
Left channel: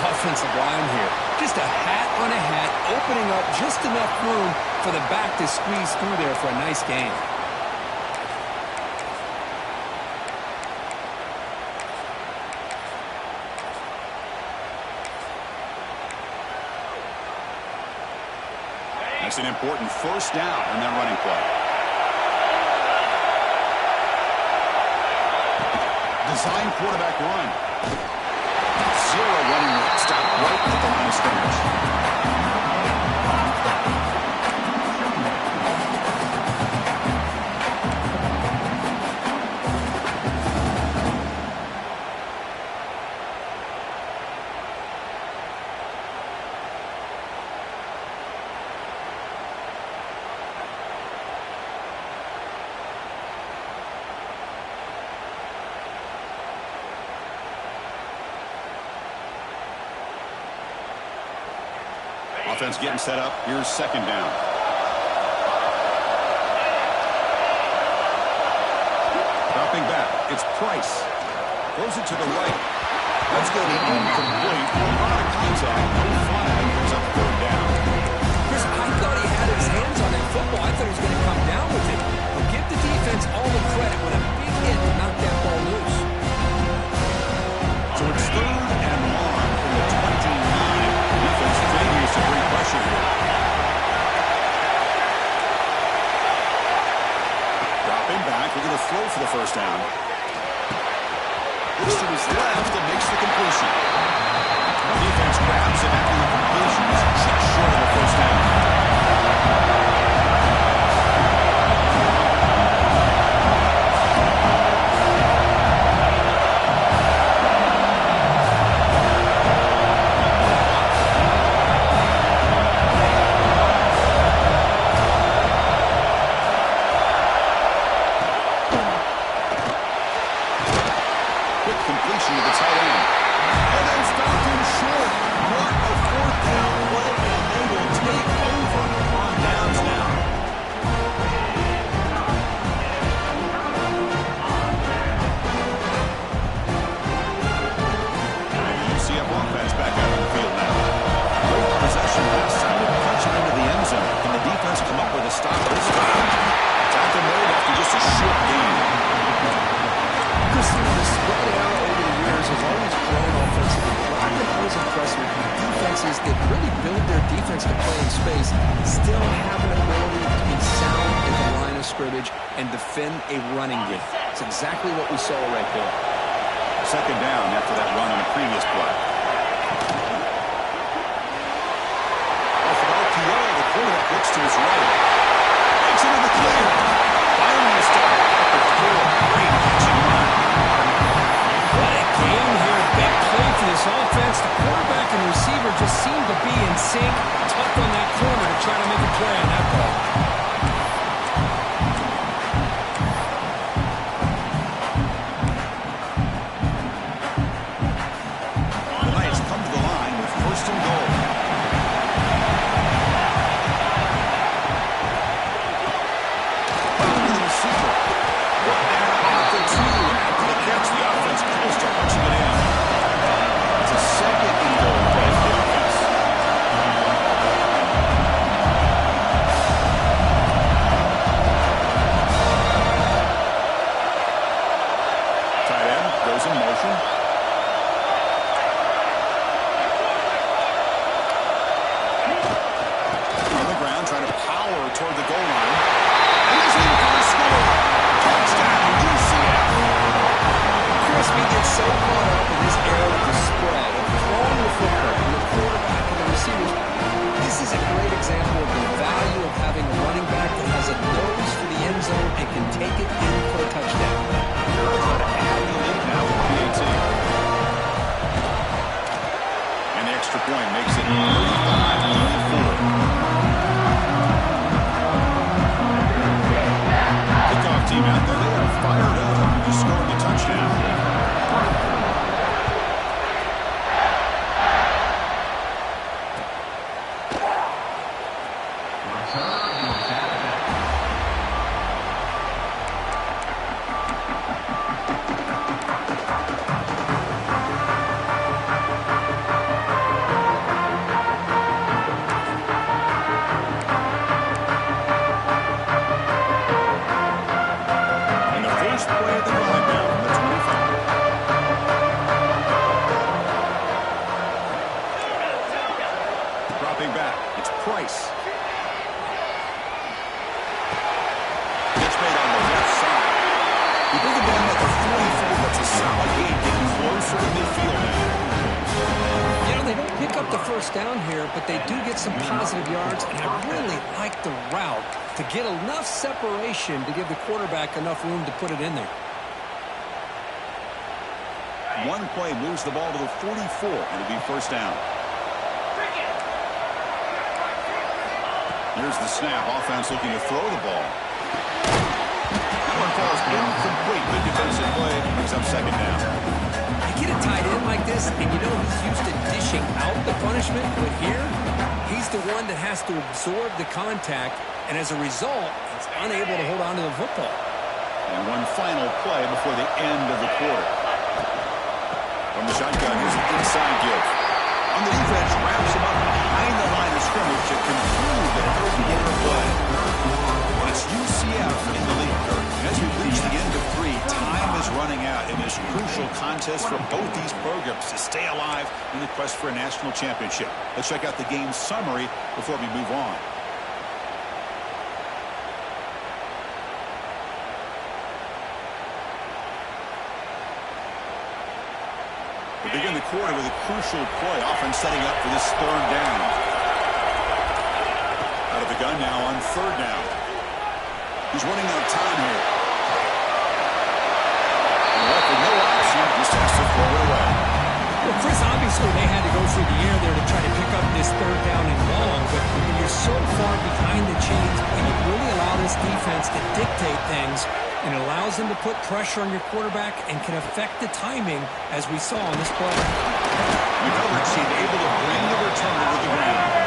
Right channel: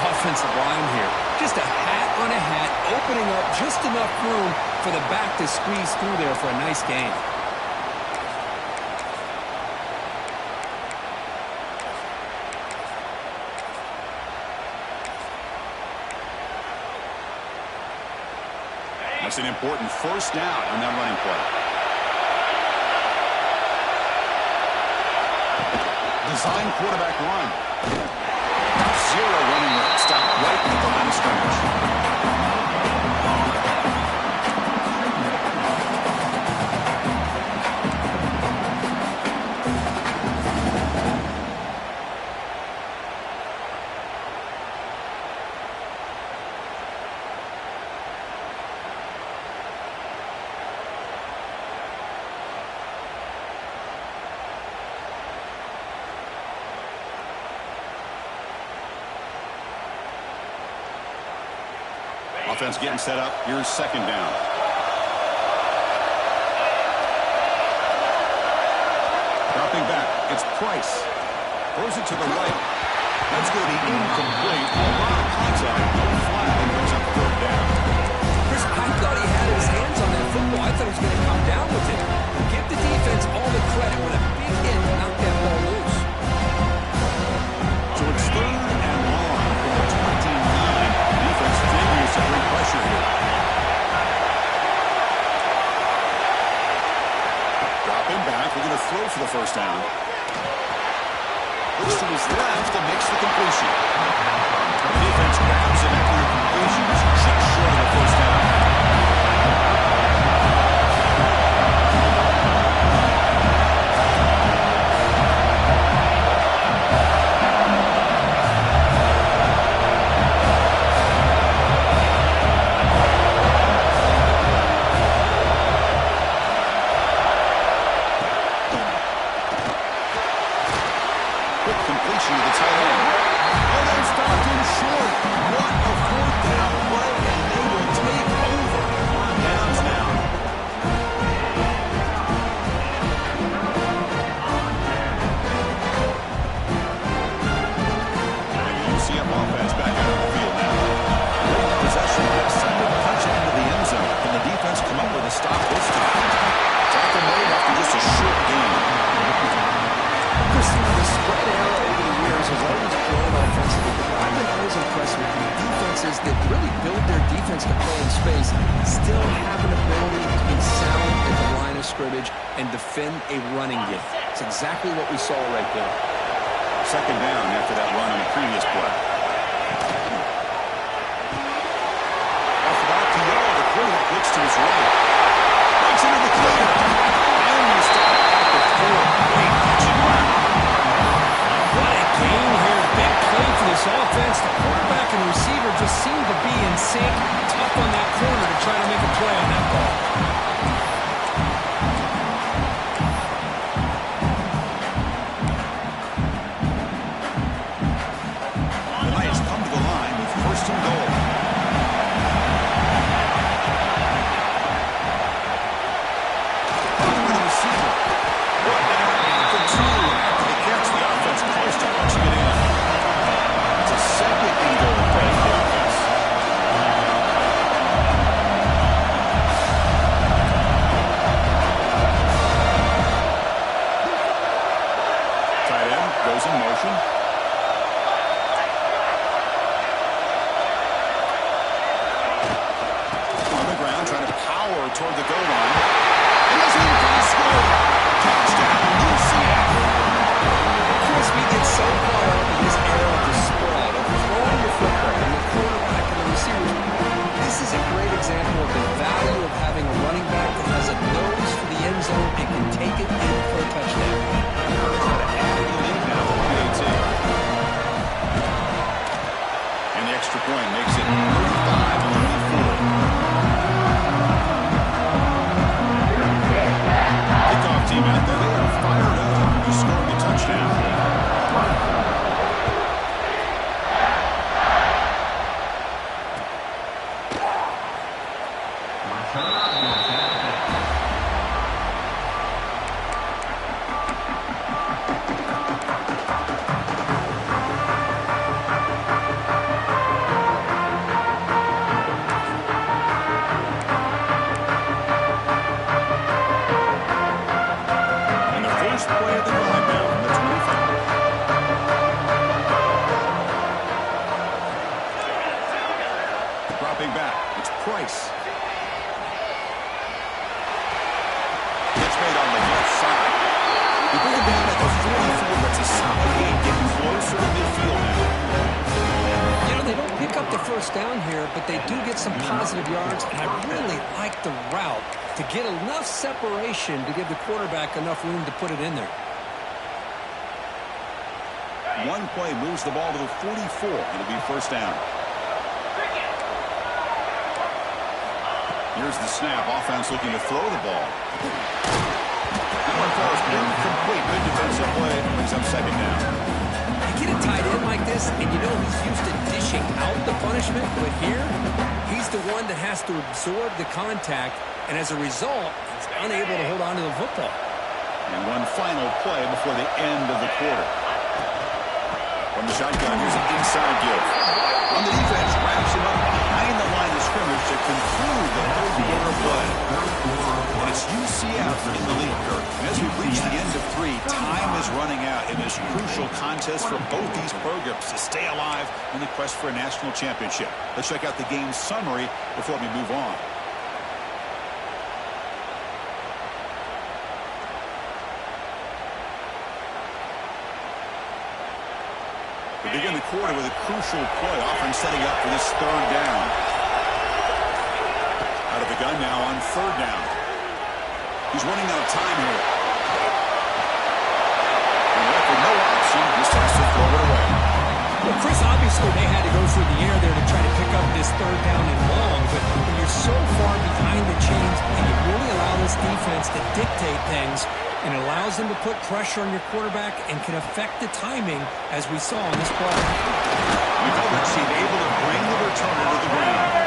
Offensive line here. Just a hat on a hat, opening up just enough room for the back to squeeze through there for a nice gain. That's an important first down on that running play. Design quarterback run. Zero running room. Stop right at the line of scrimmage. Offense getting set up. Here's second down. Dropping back. It's Price. Throws it to the right. That's going to be incomplete. A lot of contact. No flag. Brings up third down. Chris, I thought he had his hands on that football. I thought he was going to come down with it. But give the defense all the credit with a big hit to knock that ball loose. So it's third and long from the 29. Defense figures to bring pressure here. Dropping back. We're going to throw for the first down. Looks to his left and makes the completion. The defense grabs him after the completion. He's just short of the first down. Completion to the tight end. And then stopped in short. UCF offense back out on the field now. Late possession pass, Simon punching into the end zone. Can the defense come up with a stop this time? Tackle made after just a short gain. Chris, the spread era over the years has always grown offensively, but what I've been always impressed with defenses that really build their defense to play in space still have an ability to be sound at the line of scrimmage and defend a running game. It's exactly what we saw right there. Second down after that run on the previous play. Off of Alkiel, the quarterback looks to his right. Breaks into the clear. Finally a stop at the 4. Great catch and run. What a game here. Big play for this offense. The quarterback and receiver just seem to be in sync. Tough on that corner to try to make a play on that ball. The Knights come to the line with first and goal. Off to the receiver. Brought down at the 2 after the catch. The offense close to punching it in. It's a second and goal play for the offense. Tight end goes in motion. On the ground, trying to power toward the goal line. And he's in for the score. Touchdown, UCF. Chris, we get so caught up in this era of the spread, of throwing the football, and the quarterback and the receivers. This is a great example of the value of having a running back that has a nose for the end zone and can take it in for a touchdown. Try to add to the lead now with PAT. And the extra point makes it 35-24. Kickoff team out there, they are fired up. Just scoring a touchdown. Back. It's Price. Catch made on the left side. You bring it down at the 44. That's a solid gain, getting closer to midfield now. They don't pick up the first down here, but they do get some positive yards, and I really like the route to get enough separation to give the quarterback enough room to put it in there. One play moves the ball to the 44. It'll be first down. Here's the snap. Offense looking to throw the ball. That one falls incomplete. Good defensive play. Brings up second down. You get a tight end like this, and you know he's used to dishing out the punishment, but here, he's the one that has to absorb the contact, and as a result, he's unable to hold on to the football. And one final play before the end of the quarter. From the shotgun, here's an inside give. On the defense, wraps him up behind the line of scrimmage to conclude the third quarter play. And it's UCF in the lead, Kirk. And as we reach the end of 3, time is running out in this crucial contest for both these programs to stay alive in the quest for a national championship. Let's check out the game summary before we move on. We begin the quarter with a crucial play, often setting up for this third down. Out of the gun now on third down. He's running out of time here. And left with no option, just has to throw it away. Well, Chris, obviously they had to go through the air there to try to pick up this third down and long, but when you're so far behind the chains, and you really allow this defense to dictate things, and it allows them to put pressure on your quarterback and can affect the timing, as we saw on this play. The coverage team able to bring the returner to the ground.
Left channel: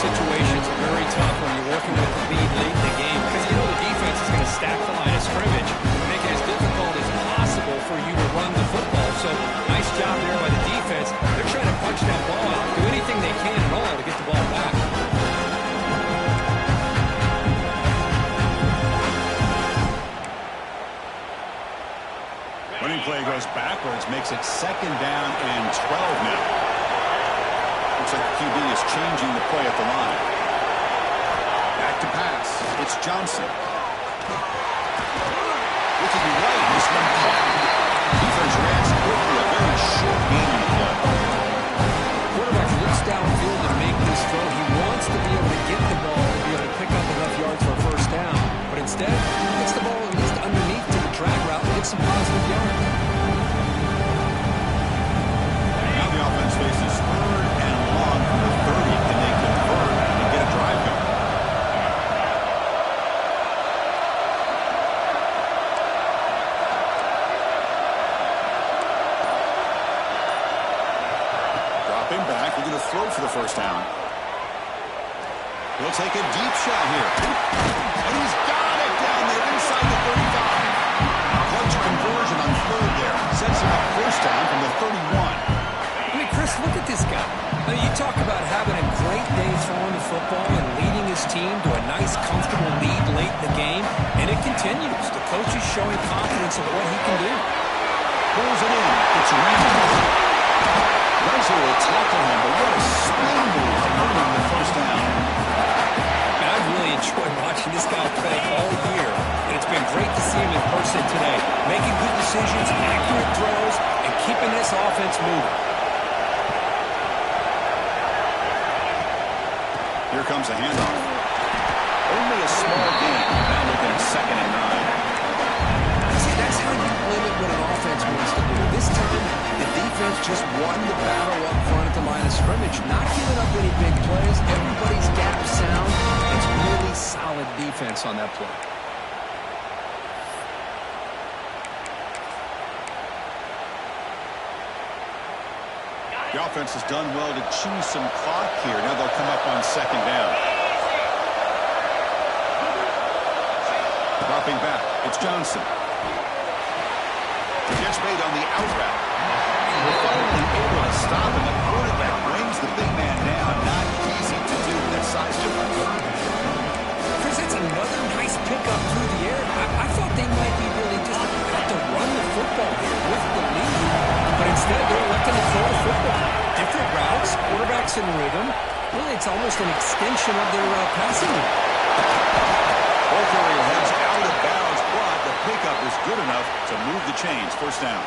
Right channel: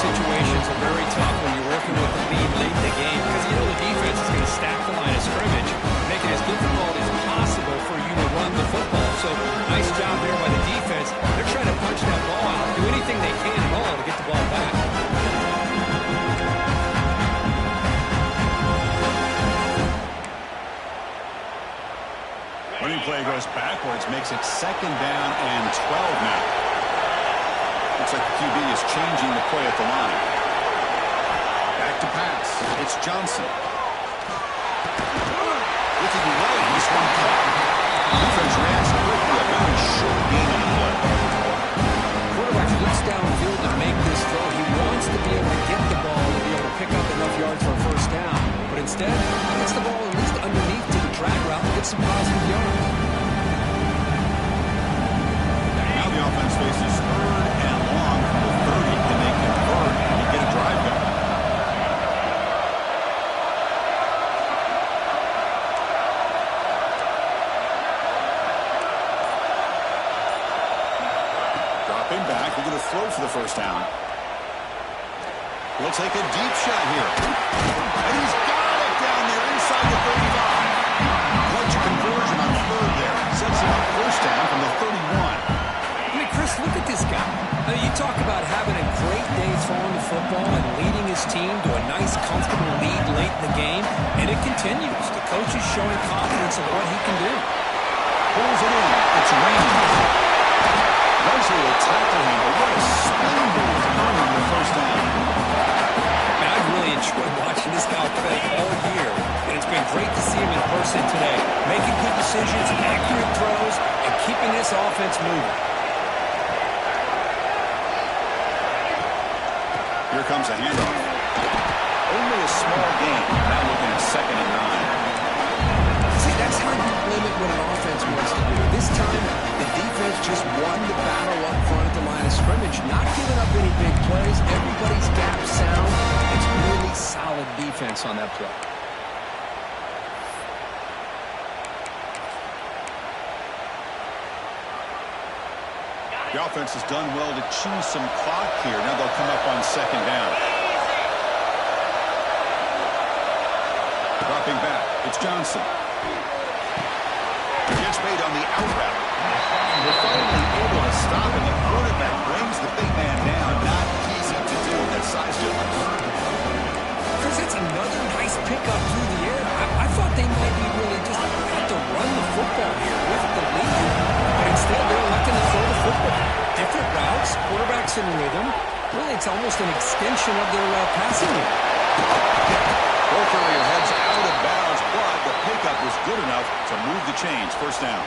situations are very tough when you're working with the lead late in the game because you know the defense is going to stack the line of scrimmage, make it as difficult as possible for you to run the football. So nice job there by the defense. They're trying to punch that ball out, do anything they can at all to get the ball back. Running play goes backwards, makes it 2nd down and 12 now. Looks like the QB is changing the play at the line. Back to pass. It's Johnson. Looking right. This one caught. Defense reacts quickly. A very short gain on the play. Quarterback looks downfield to make this throw. He wants to be able to get the ball to be able to pick up enough yards for a first down. But instead, he gets the ball at least underneath to the drag route and gets some positive yards. Now the offense faces 3rd and long from the 30. Can they convert and get a drive going? Dropping back, they're going to throw for the first down. He'll take a deep shot here. And he's got it down there inside the 35. Clutch conversion on 3rd there. Sets him up first down from the 31. I mean, Chris, look at this guy. I mean, you talk about having a great day throwing the football and leading his team to a nice, comfortable lead late in the game, and it continues. The coach is showing confidence of what he can do. Pulls it in. It's Raymond. Rusher will tackle him, but what a spin move earning the first down. Man, I've really enjoyed watching this guy play all year, and it's been great to see him in person today, making good decisions, accurate throws, and keeping this offense moving. Here comes a handoff. Only a small gain. Now looking at 2nd and 9. See, that's how you limit what an offense wants to do. This time, the defense just won the battle up front at the line of scrimmage, not giving up any big plays. Everybody's gap sound. It's really solid defense on that play. The offense has done well to chew some clock here. Now they'll come up on 2nd down. Dropping back. It's Johnson. Gets made on the out route. They're finally able to stop him. The quarterback brings the big man down. Not easy to do. That size difference. Chris, that's another nice pickup through the air. I thought they might be really just about to run the football here with the lead. But instead, they're electing to throw the football. Different routes, quarterbacks in rhythm. Really, it's almost an extension of their passing game. Ball carrier heads out of bounds, but the pickup is good enough to move the chains. First down.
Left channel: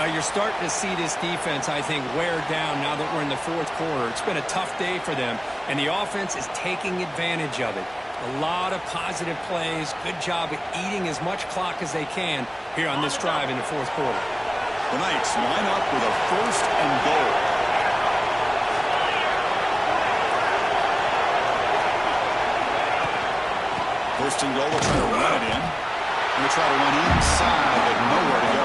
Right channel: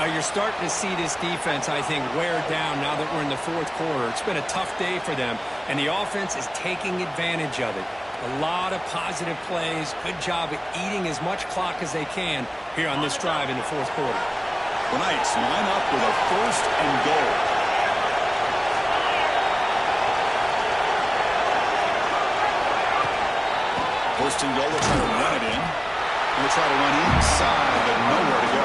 You're starting to see this defense, I think, wear down now that we're in the 4th quarter. It's been a tough day for them, and the offense is taking advantage of it. A lot of positive plays. Good job at eating as much clock as they can here on this drive in the 4th quarter. The Knights line up with a 1st and goal. First and goal, they'll try to run it in. They'll try to run inside, but nowhere to go.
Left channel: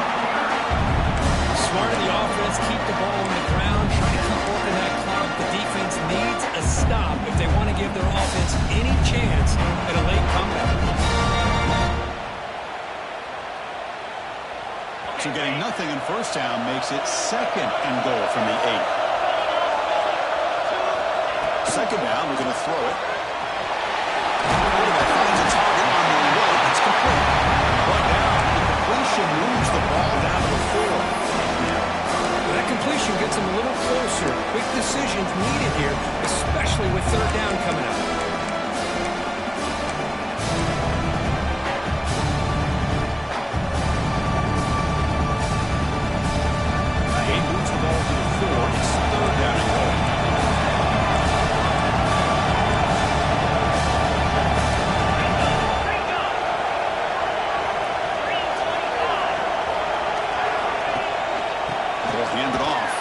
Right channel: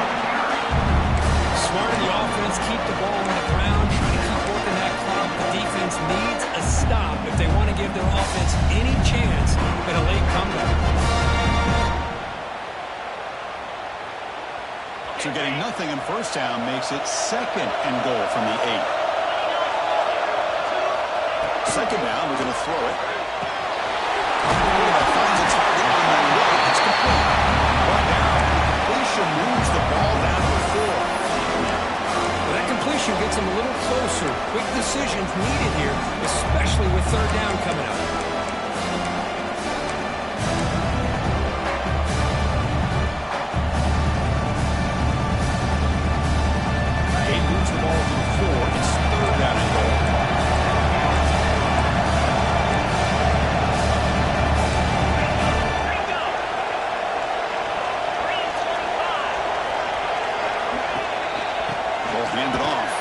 Smart in the offense, keep the ball on the ground, trying to keep working that clock. The defense needs a stop if they want to give their offense any chance at a late comeback. So getting nothing in first down makes it 2nd and goal from the 8. 2nd down, we're going to throw it. Quarterback finds a target on the right. It's complete. Brought down. The completion moves the ball down to the 4. Well, that completion gets them a little closer. Quick decisions needed here, especially with 3rd down coming up. Gabe moves the ball to the 4. It's 3rd down and goal. Hand it off.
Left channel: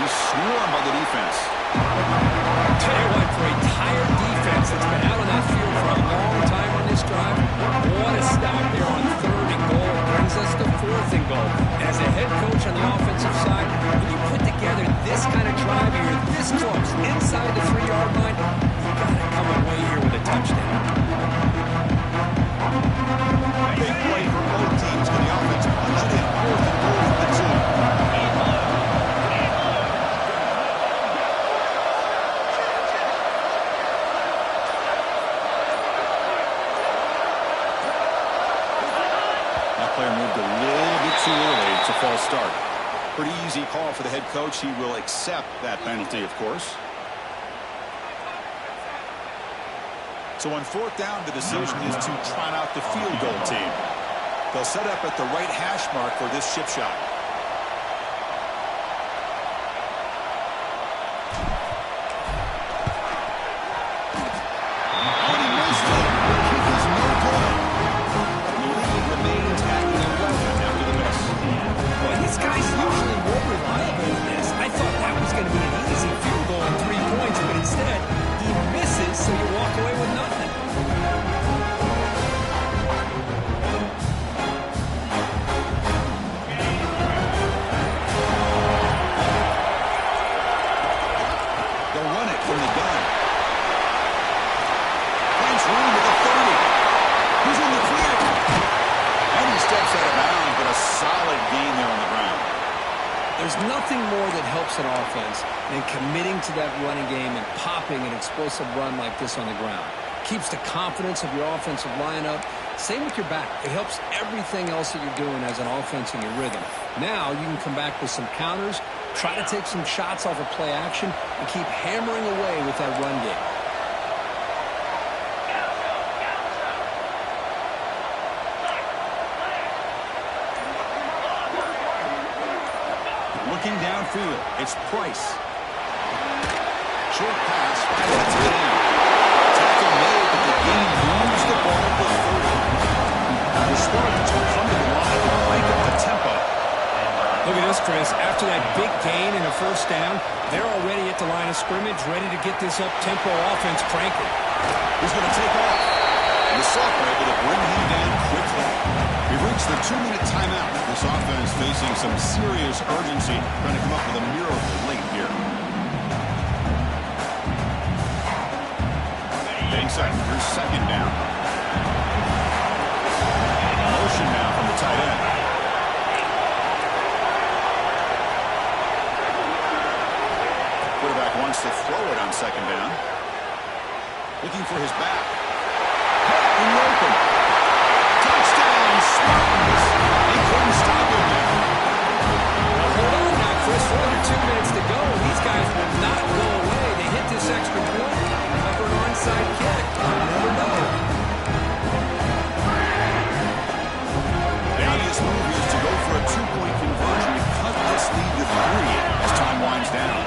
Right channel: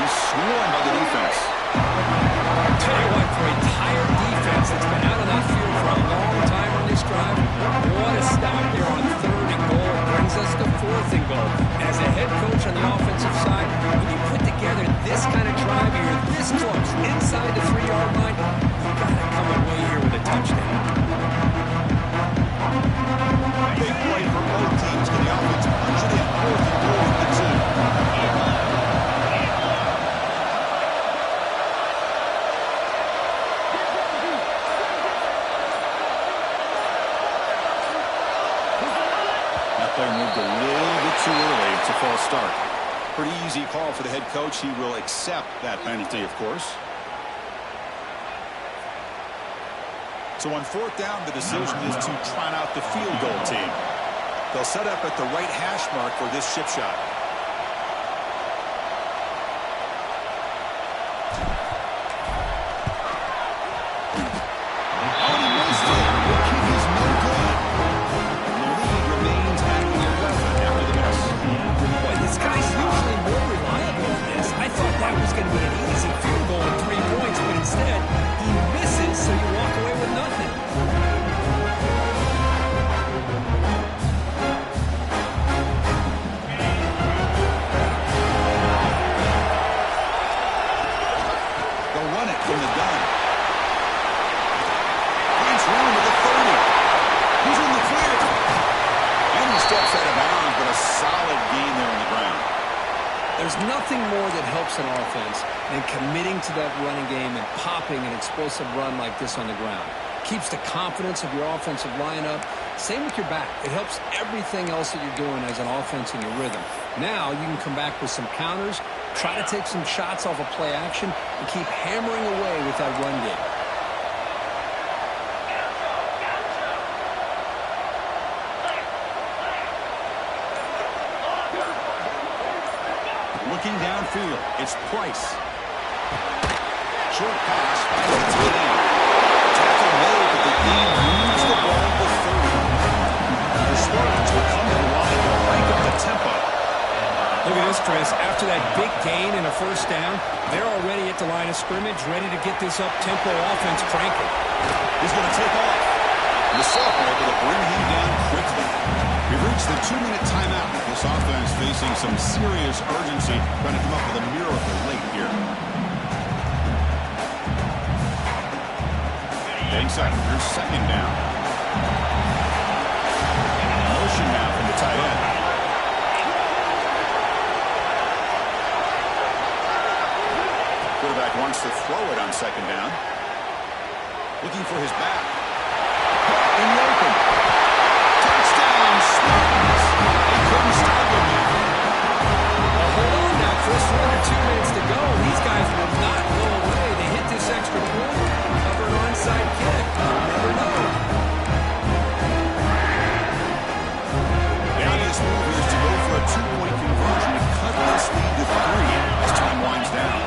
He's swarmed by the defense. Tell you what, for a tired defense that's been out on that field for a long time on this drive, what a stop there on 3rd and goal. Brings us to 4th and goal. And as they a head coach on the offensive side, when you put together this kind of drive, you're this close, inside the 3-yard line, you got to come away here with a touchdown. Big play for both teams. Can the offense punch it in? 4th and goal from the 2. That player moved a little bit too early. It's a false start. Pretty easy call for the head coach. He will accept that penalty, of course. So on 4th down, the decision is to trot out the field goal team. They'll set up at the right hash mark for this chip shot. Oh, and he missed it. The kick is no good. And the lead remains at 11 after the miss. Boy, this guy's usually more reliable than this. I thought that was going to be an easy field goal and 3 points, but instead, he misses, so you walk away with nothing. They'll run it from the gun. Finds room at the 30. He's in the clear. And he steps out of bounds, but a solid gain there on the ground. There's nothing more that helps an offense than committing to that running game and popping an explosive run like this on the ground. Keeps the confidence of your offensive lineup. Same with your back. It helps everything else that you're doing as an offense in your rhythm. Now you can come back with some counters, try to take some shots off of play action, and keep hammering away with that run game. Looking downfield, it's Price. Short pass, finds the tight end. Tackle made, but the gain moves the ball to 30. The Spartans will come to the line to crank up the tempo. Look at this, Chris. After that big gain and a 1st down, they're already at the line of scrimmage, ready to get this up-tempo offense cranking. He's going to take off. And the sophomore able to bring him down quickly. We've reached the 2-minute timeout. This offense facing some serious urgency, trying to come up with a miracle late here. Inside, here's 2nd down. Motion now from the tight end. Quarterback wants to throw it on 2nd down. Looking for his back. In the open. Touchdown, Spartans. They couldn't stop him now. Well, hold on now, Chris. For under 2 minutes to go, these guys will not go away. They hit this extra point and cover an onside kick. You'll never know. The obvious move here is to go for a 2-point conversion to cut this lead to 3 as time winds down.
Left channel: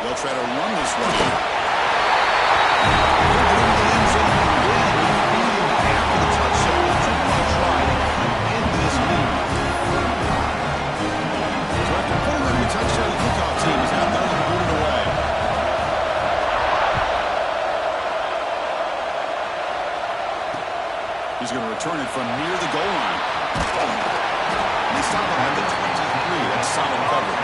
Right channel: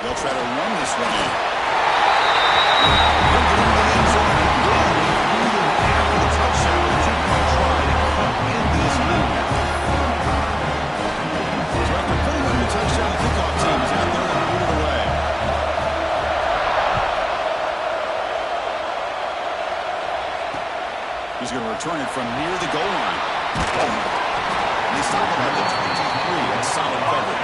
They'll try to run this one in. He'll get into the end zone again. Leading after the touchdown with a 2-point try to cut into this lead. So after putting on the touchdown, the kickoff team is out there to boot it away. He's going to return it from near the goal line. And they stop him at the 23. That's solid coverage.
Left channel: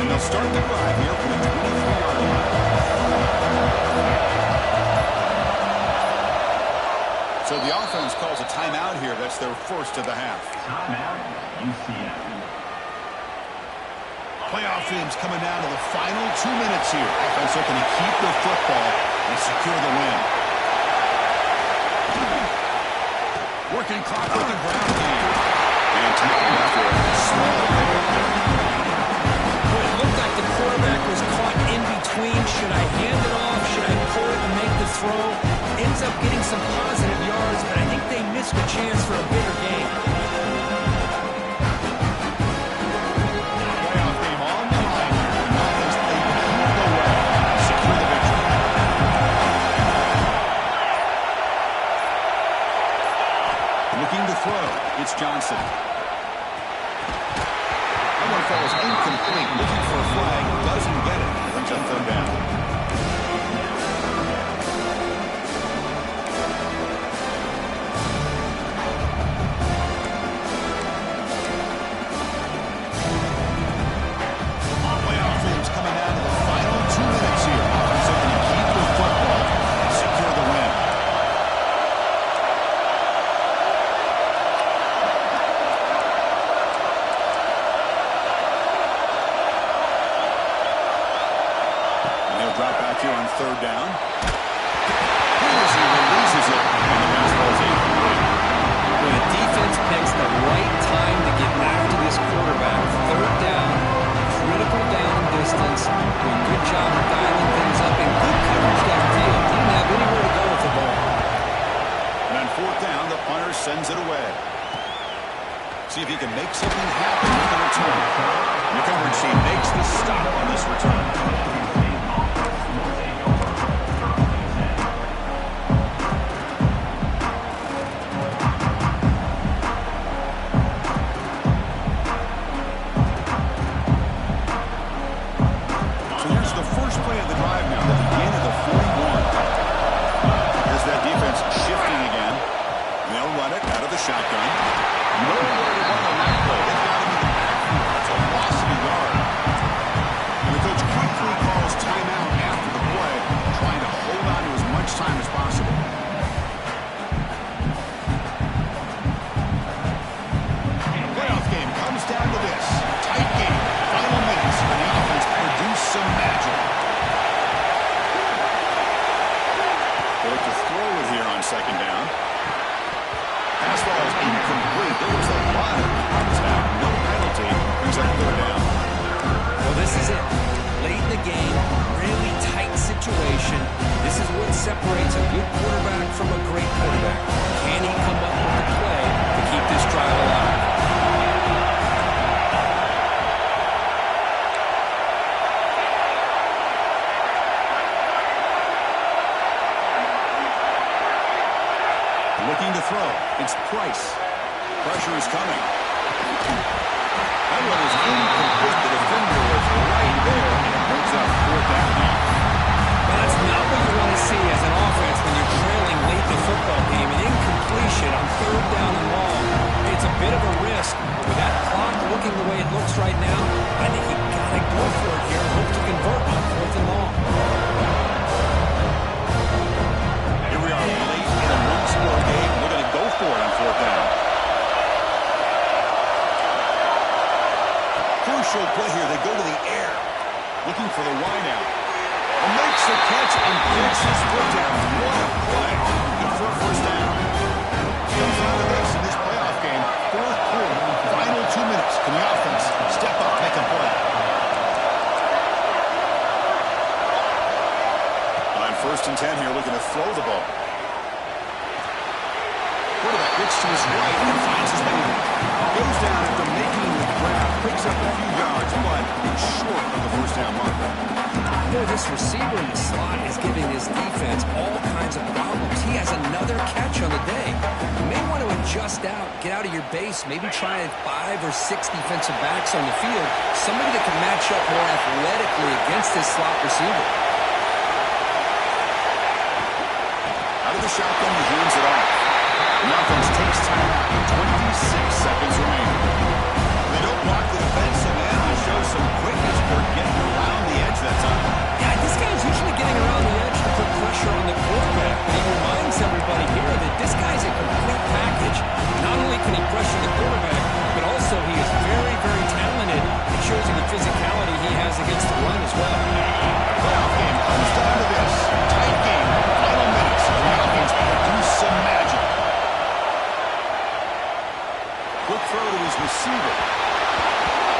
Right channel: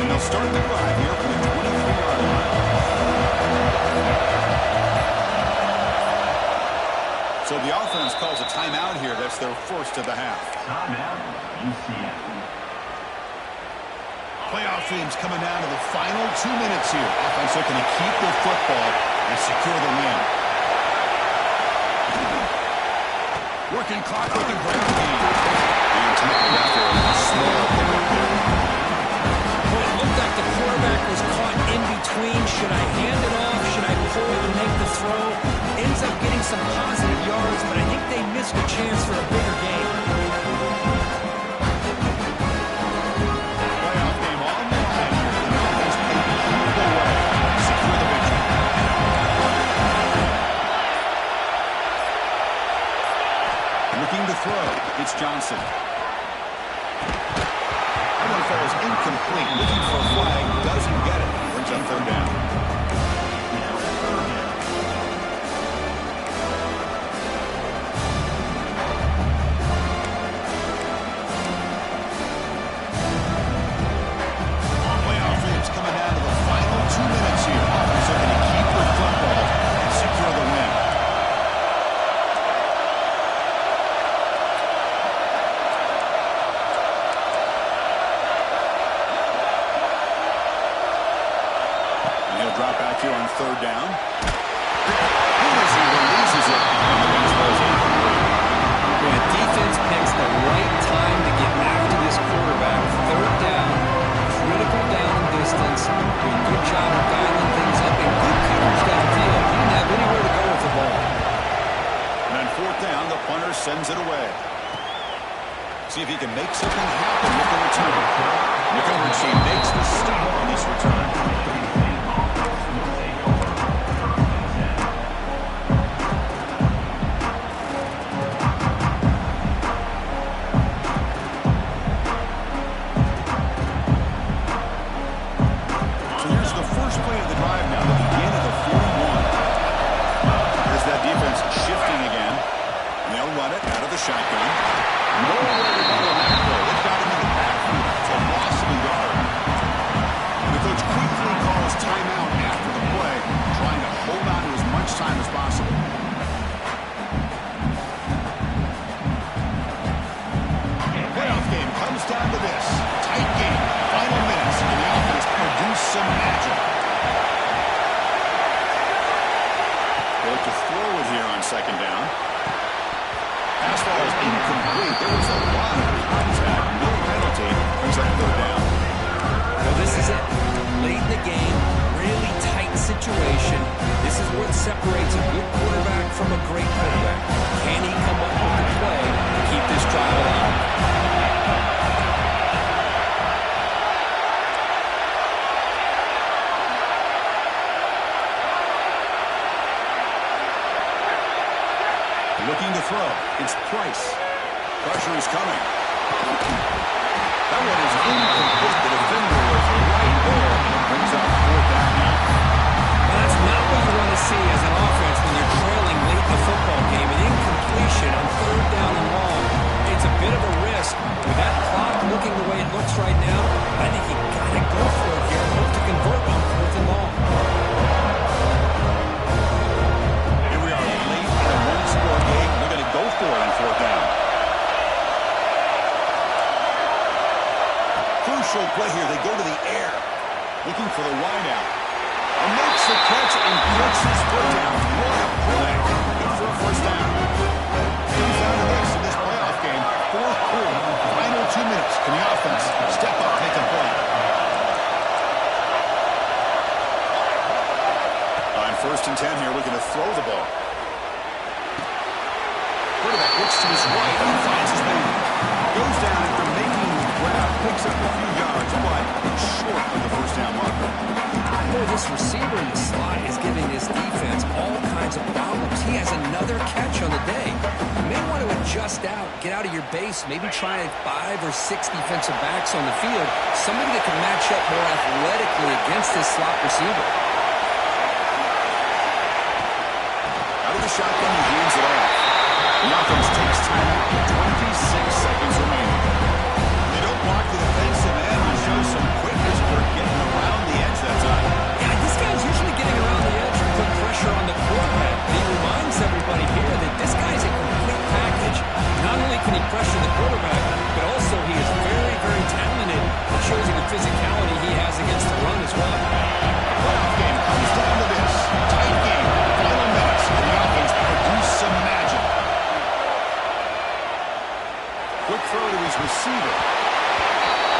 And they'll start the drive here from the 23-yard line. So the offense calls a timeout here. That's their first of the half. Timeout, UCF. Playoff teams coming down to the final 2 minutes here. Offense looking to keep the football and secure the win. Working clock with the ground game. And tackled after a small pickup there. Boy, it looked like the quarterback was caught in between. Should I hand it off? Should I pull it and make the throw? Ends up getting some positive yards, but I think they missed a chance for a bigger gain. Playoff game on the line here. The offense played key It's Johnson. That one falls incomplete. Looking for a flag. Doesn't get it. Brings up third down. Playoff games coming down to the final 2 minutes here. Offense looking to keep the football and secure the win. Drop back here on third down. As he releases it, and the pass ball is incomplete. When a defense picks the right time to get after this quarterback, third down, critical down and distance, doing a good job of dialing things up, and good coverage downfield. He didn't have anywhere to go with the ball. And on fourth down, the punter sends it away. See if he can make something happen with the return. The coverage team makes the stop on this return. Play of the drive now, the beginning of the 41. Here's that defense shifting again. And they'll run it out of the shotgun. Nowhere to run on that play. They've got him in the backfield. It's a loss of a yard. And the coach quickly calls timeout after the play, trying to hold on to as much time as possible. The playoff game comes down to this. Tight game. Final minutes, and the offense produce some magic. They look to throw it here on second down. Pass ball is incomplete. There was a lot of contact. No penalty. Brings up third down. Well, this is it. Late in the game, really tight situation. This is what separates a good quarterback from a great quarterback. Can he come up with the play to keep this drive alive? Looking to throw. It's Price. Pressure is coming. That one is incomplete. The defender was right there, and it brings up fourth down now. Well, that's not what you want to see as an offense when you're trailing late in the football game. An incompletion on third down and long. It's a bit of a risk. With that clock looking the way it looks right now, I think you got to go for it here and hope to convert on fourth and long. Score game. They're going to go for it on fourth down. Crucial play here. They go to the air, looking for the wideout. And makes the catch and puts his foot down. What a play. Good for a first down. Comes down to this in this playoff game. Fourth quarter, final 2 minutes. Can the offense step up, make a play? On first and 10 here, looking to throw the ball. Quarterback looks to his right and finds his man. Goes down after making the grab, picks up a few yards, but it's short of the first down marker. Boy, this receiver in the slot is giving this defense all kinds of problems. He has another catch on the day. You may want to adjust out, get out of your base, maybe try 5 or 6 defensive backs on the field, somebody that can match up more athletically against this slot receiver. Out of the shotgun, he hands it off. The offense takes timeout with 26 seconds remaining. They don't block the defensive end and show some quickness for getting around the edge that time. Yeah, this guy's usually getting around the edge to put pressure on the quarterback, but he reminds everybody here that this guy's a complete package. Not only can he pressure the quarterback, but also he is very, very talented. It shows you the physicality he has against the run as well. The playoff game comes down to this. Tight game, final minutes, and the offense produce some magic. Quick throw to his receiver.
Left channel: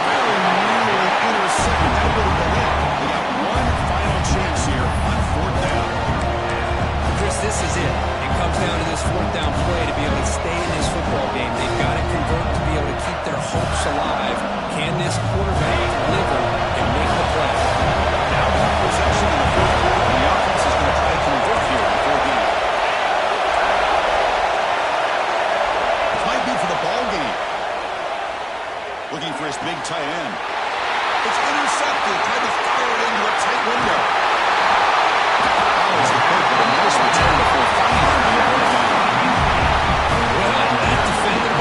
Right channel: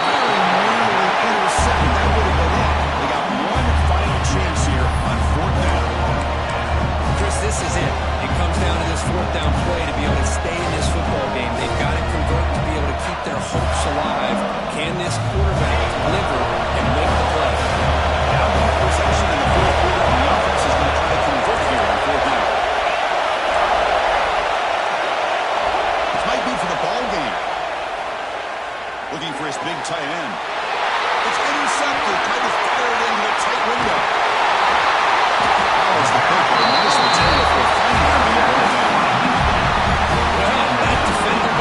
Very nearly intercepted. That would have been it. They got one final chance here on fourth down. Chris, this is it. It comes down to this fourth down play to be able to stay in this football game. They've got to convert to be able to keep their hopes alive. Can this quarterback deliver and make the play? Now one possession in the fourth quarter, and the offense is going to try to convert here on fourth down. This might be for the ball game.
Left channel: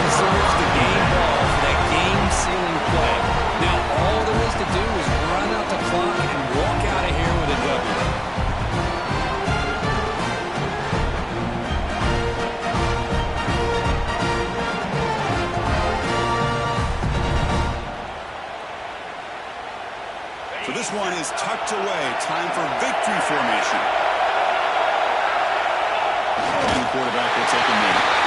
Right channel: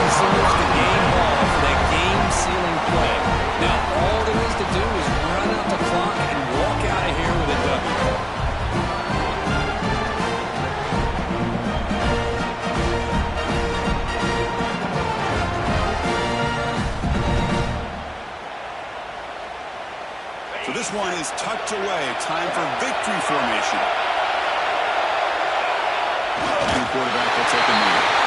deserves the game ball for that game-sealing play. Now, all there is to do is run out the clock and walk out of here with a W. So this one is tucked away. Time for victory formation. And the quarterback will take a knee.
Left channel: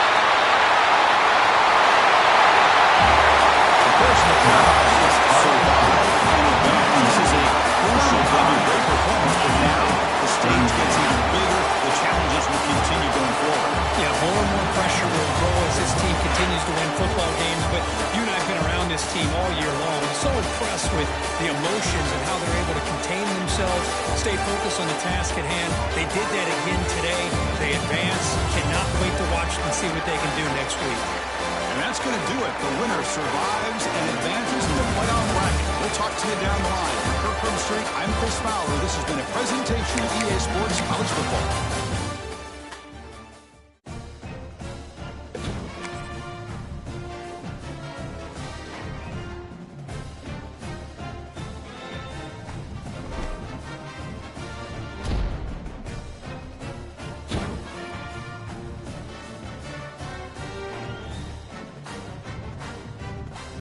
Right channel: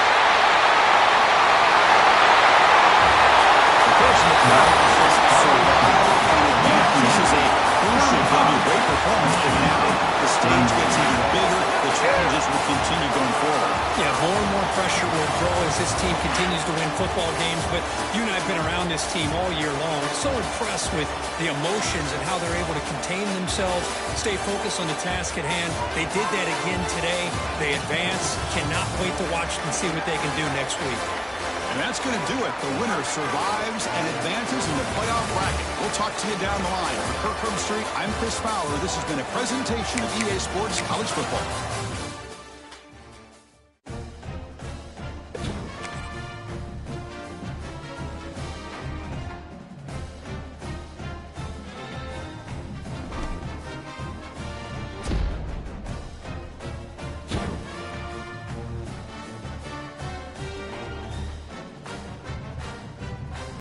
The person that is survive and advance. This is a crucial W. Great performance, but now the stage gets even bigger. The challenges will continue going forward. Yeah, more and more pressure will grow as this team continues to win football games. But you and I have been around this team all year long. So impressed with the emotions and how they're able to contain themselves, stay focused on the task at hand. They did that again today. They advance. Cannot wait to watch and see what they can do next week. And that's going to do it. The winner survives and advances in the playoff bracket. We'll talk to you down the line. For Kirk Street, I'm Chris Fowler. This has been a presentation of EA Sports College Football.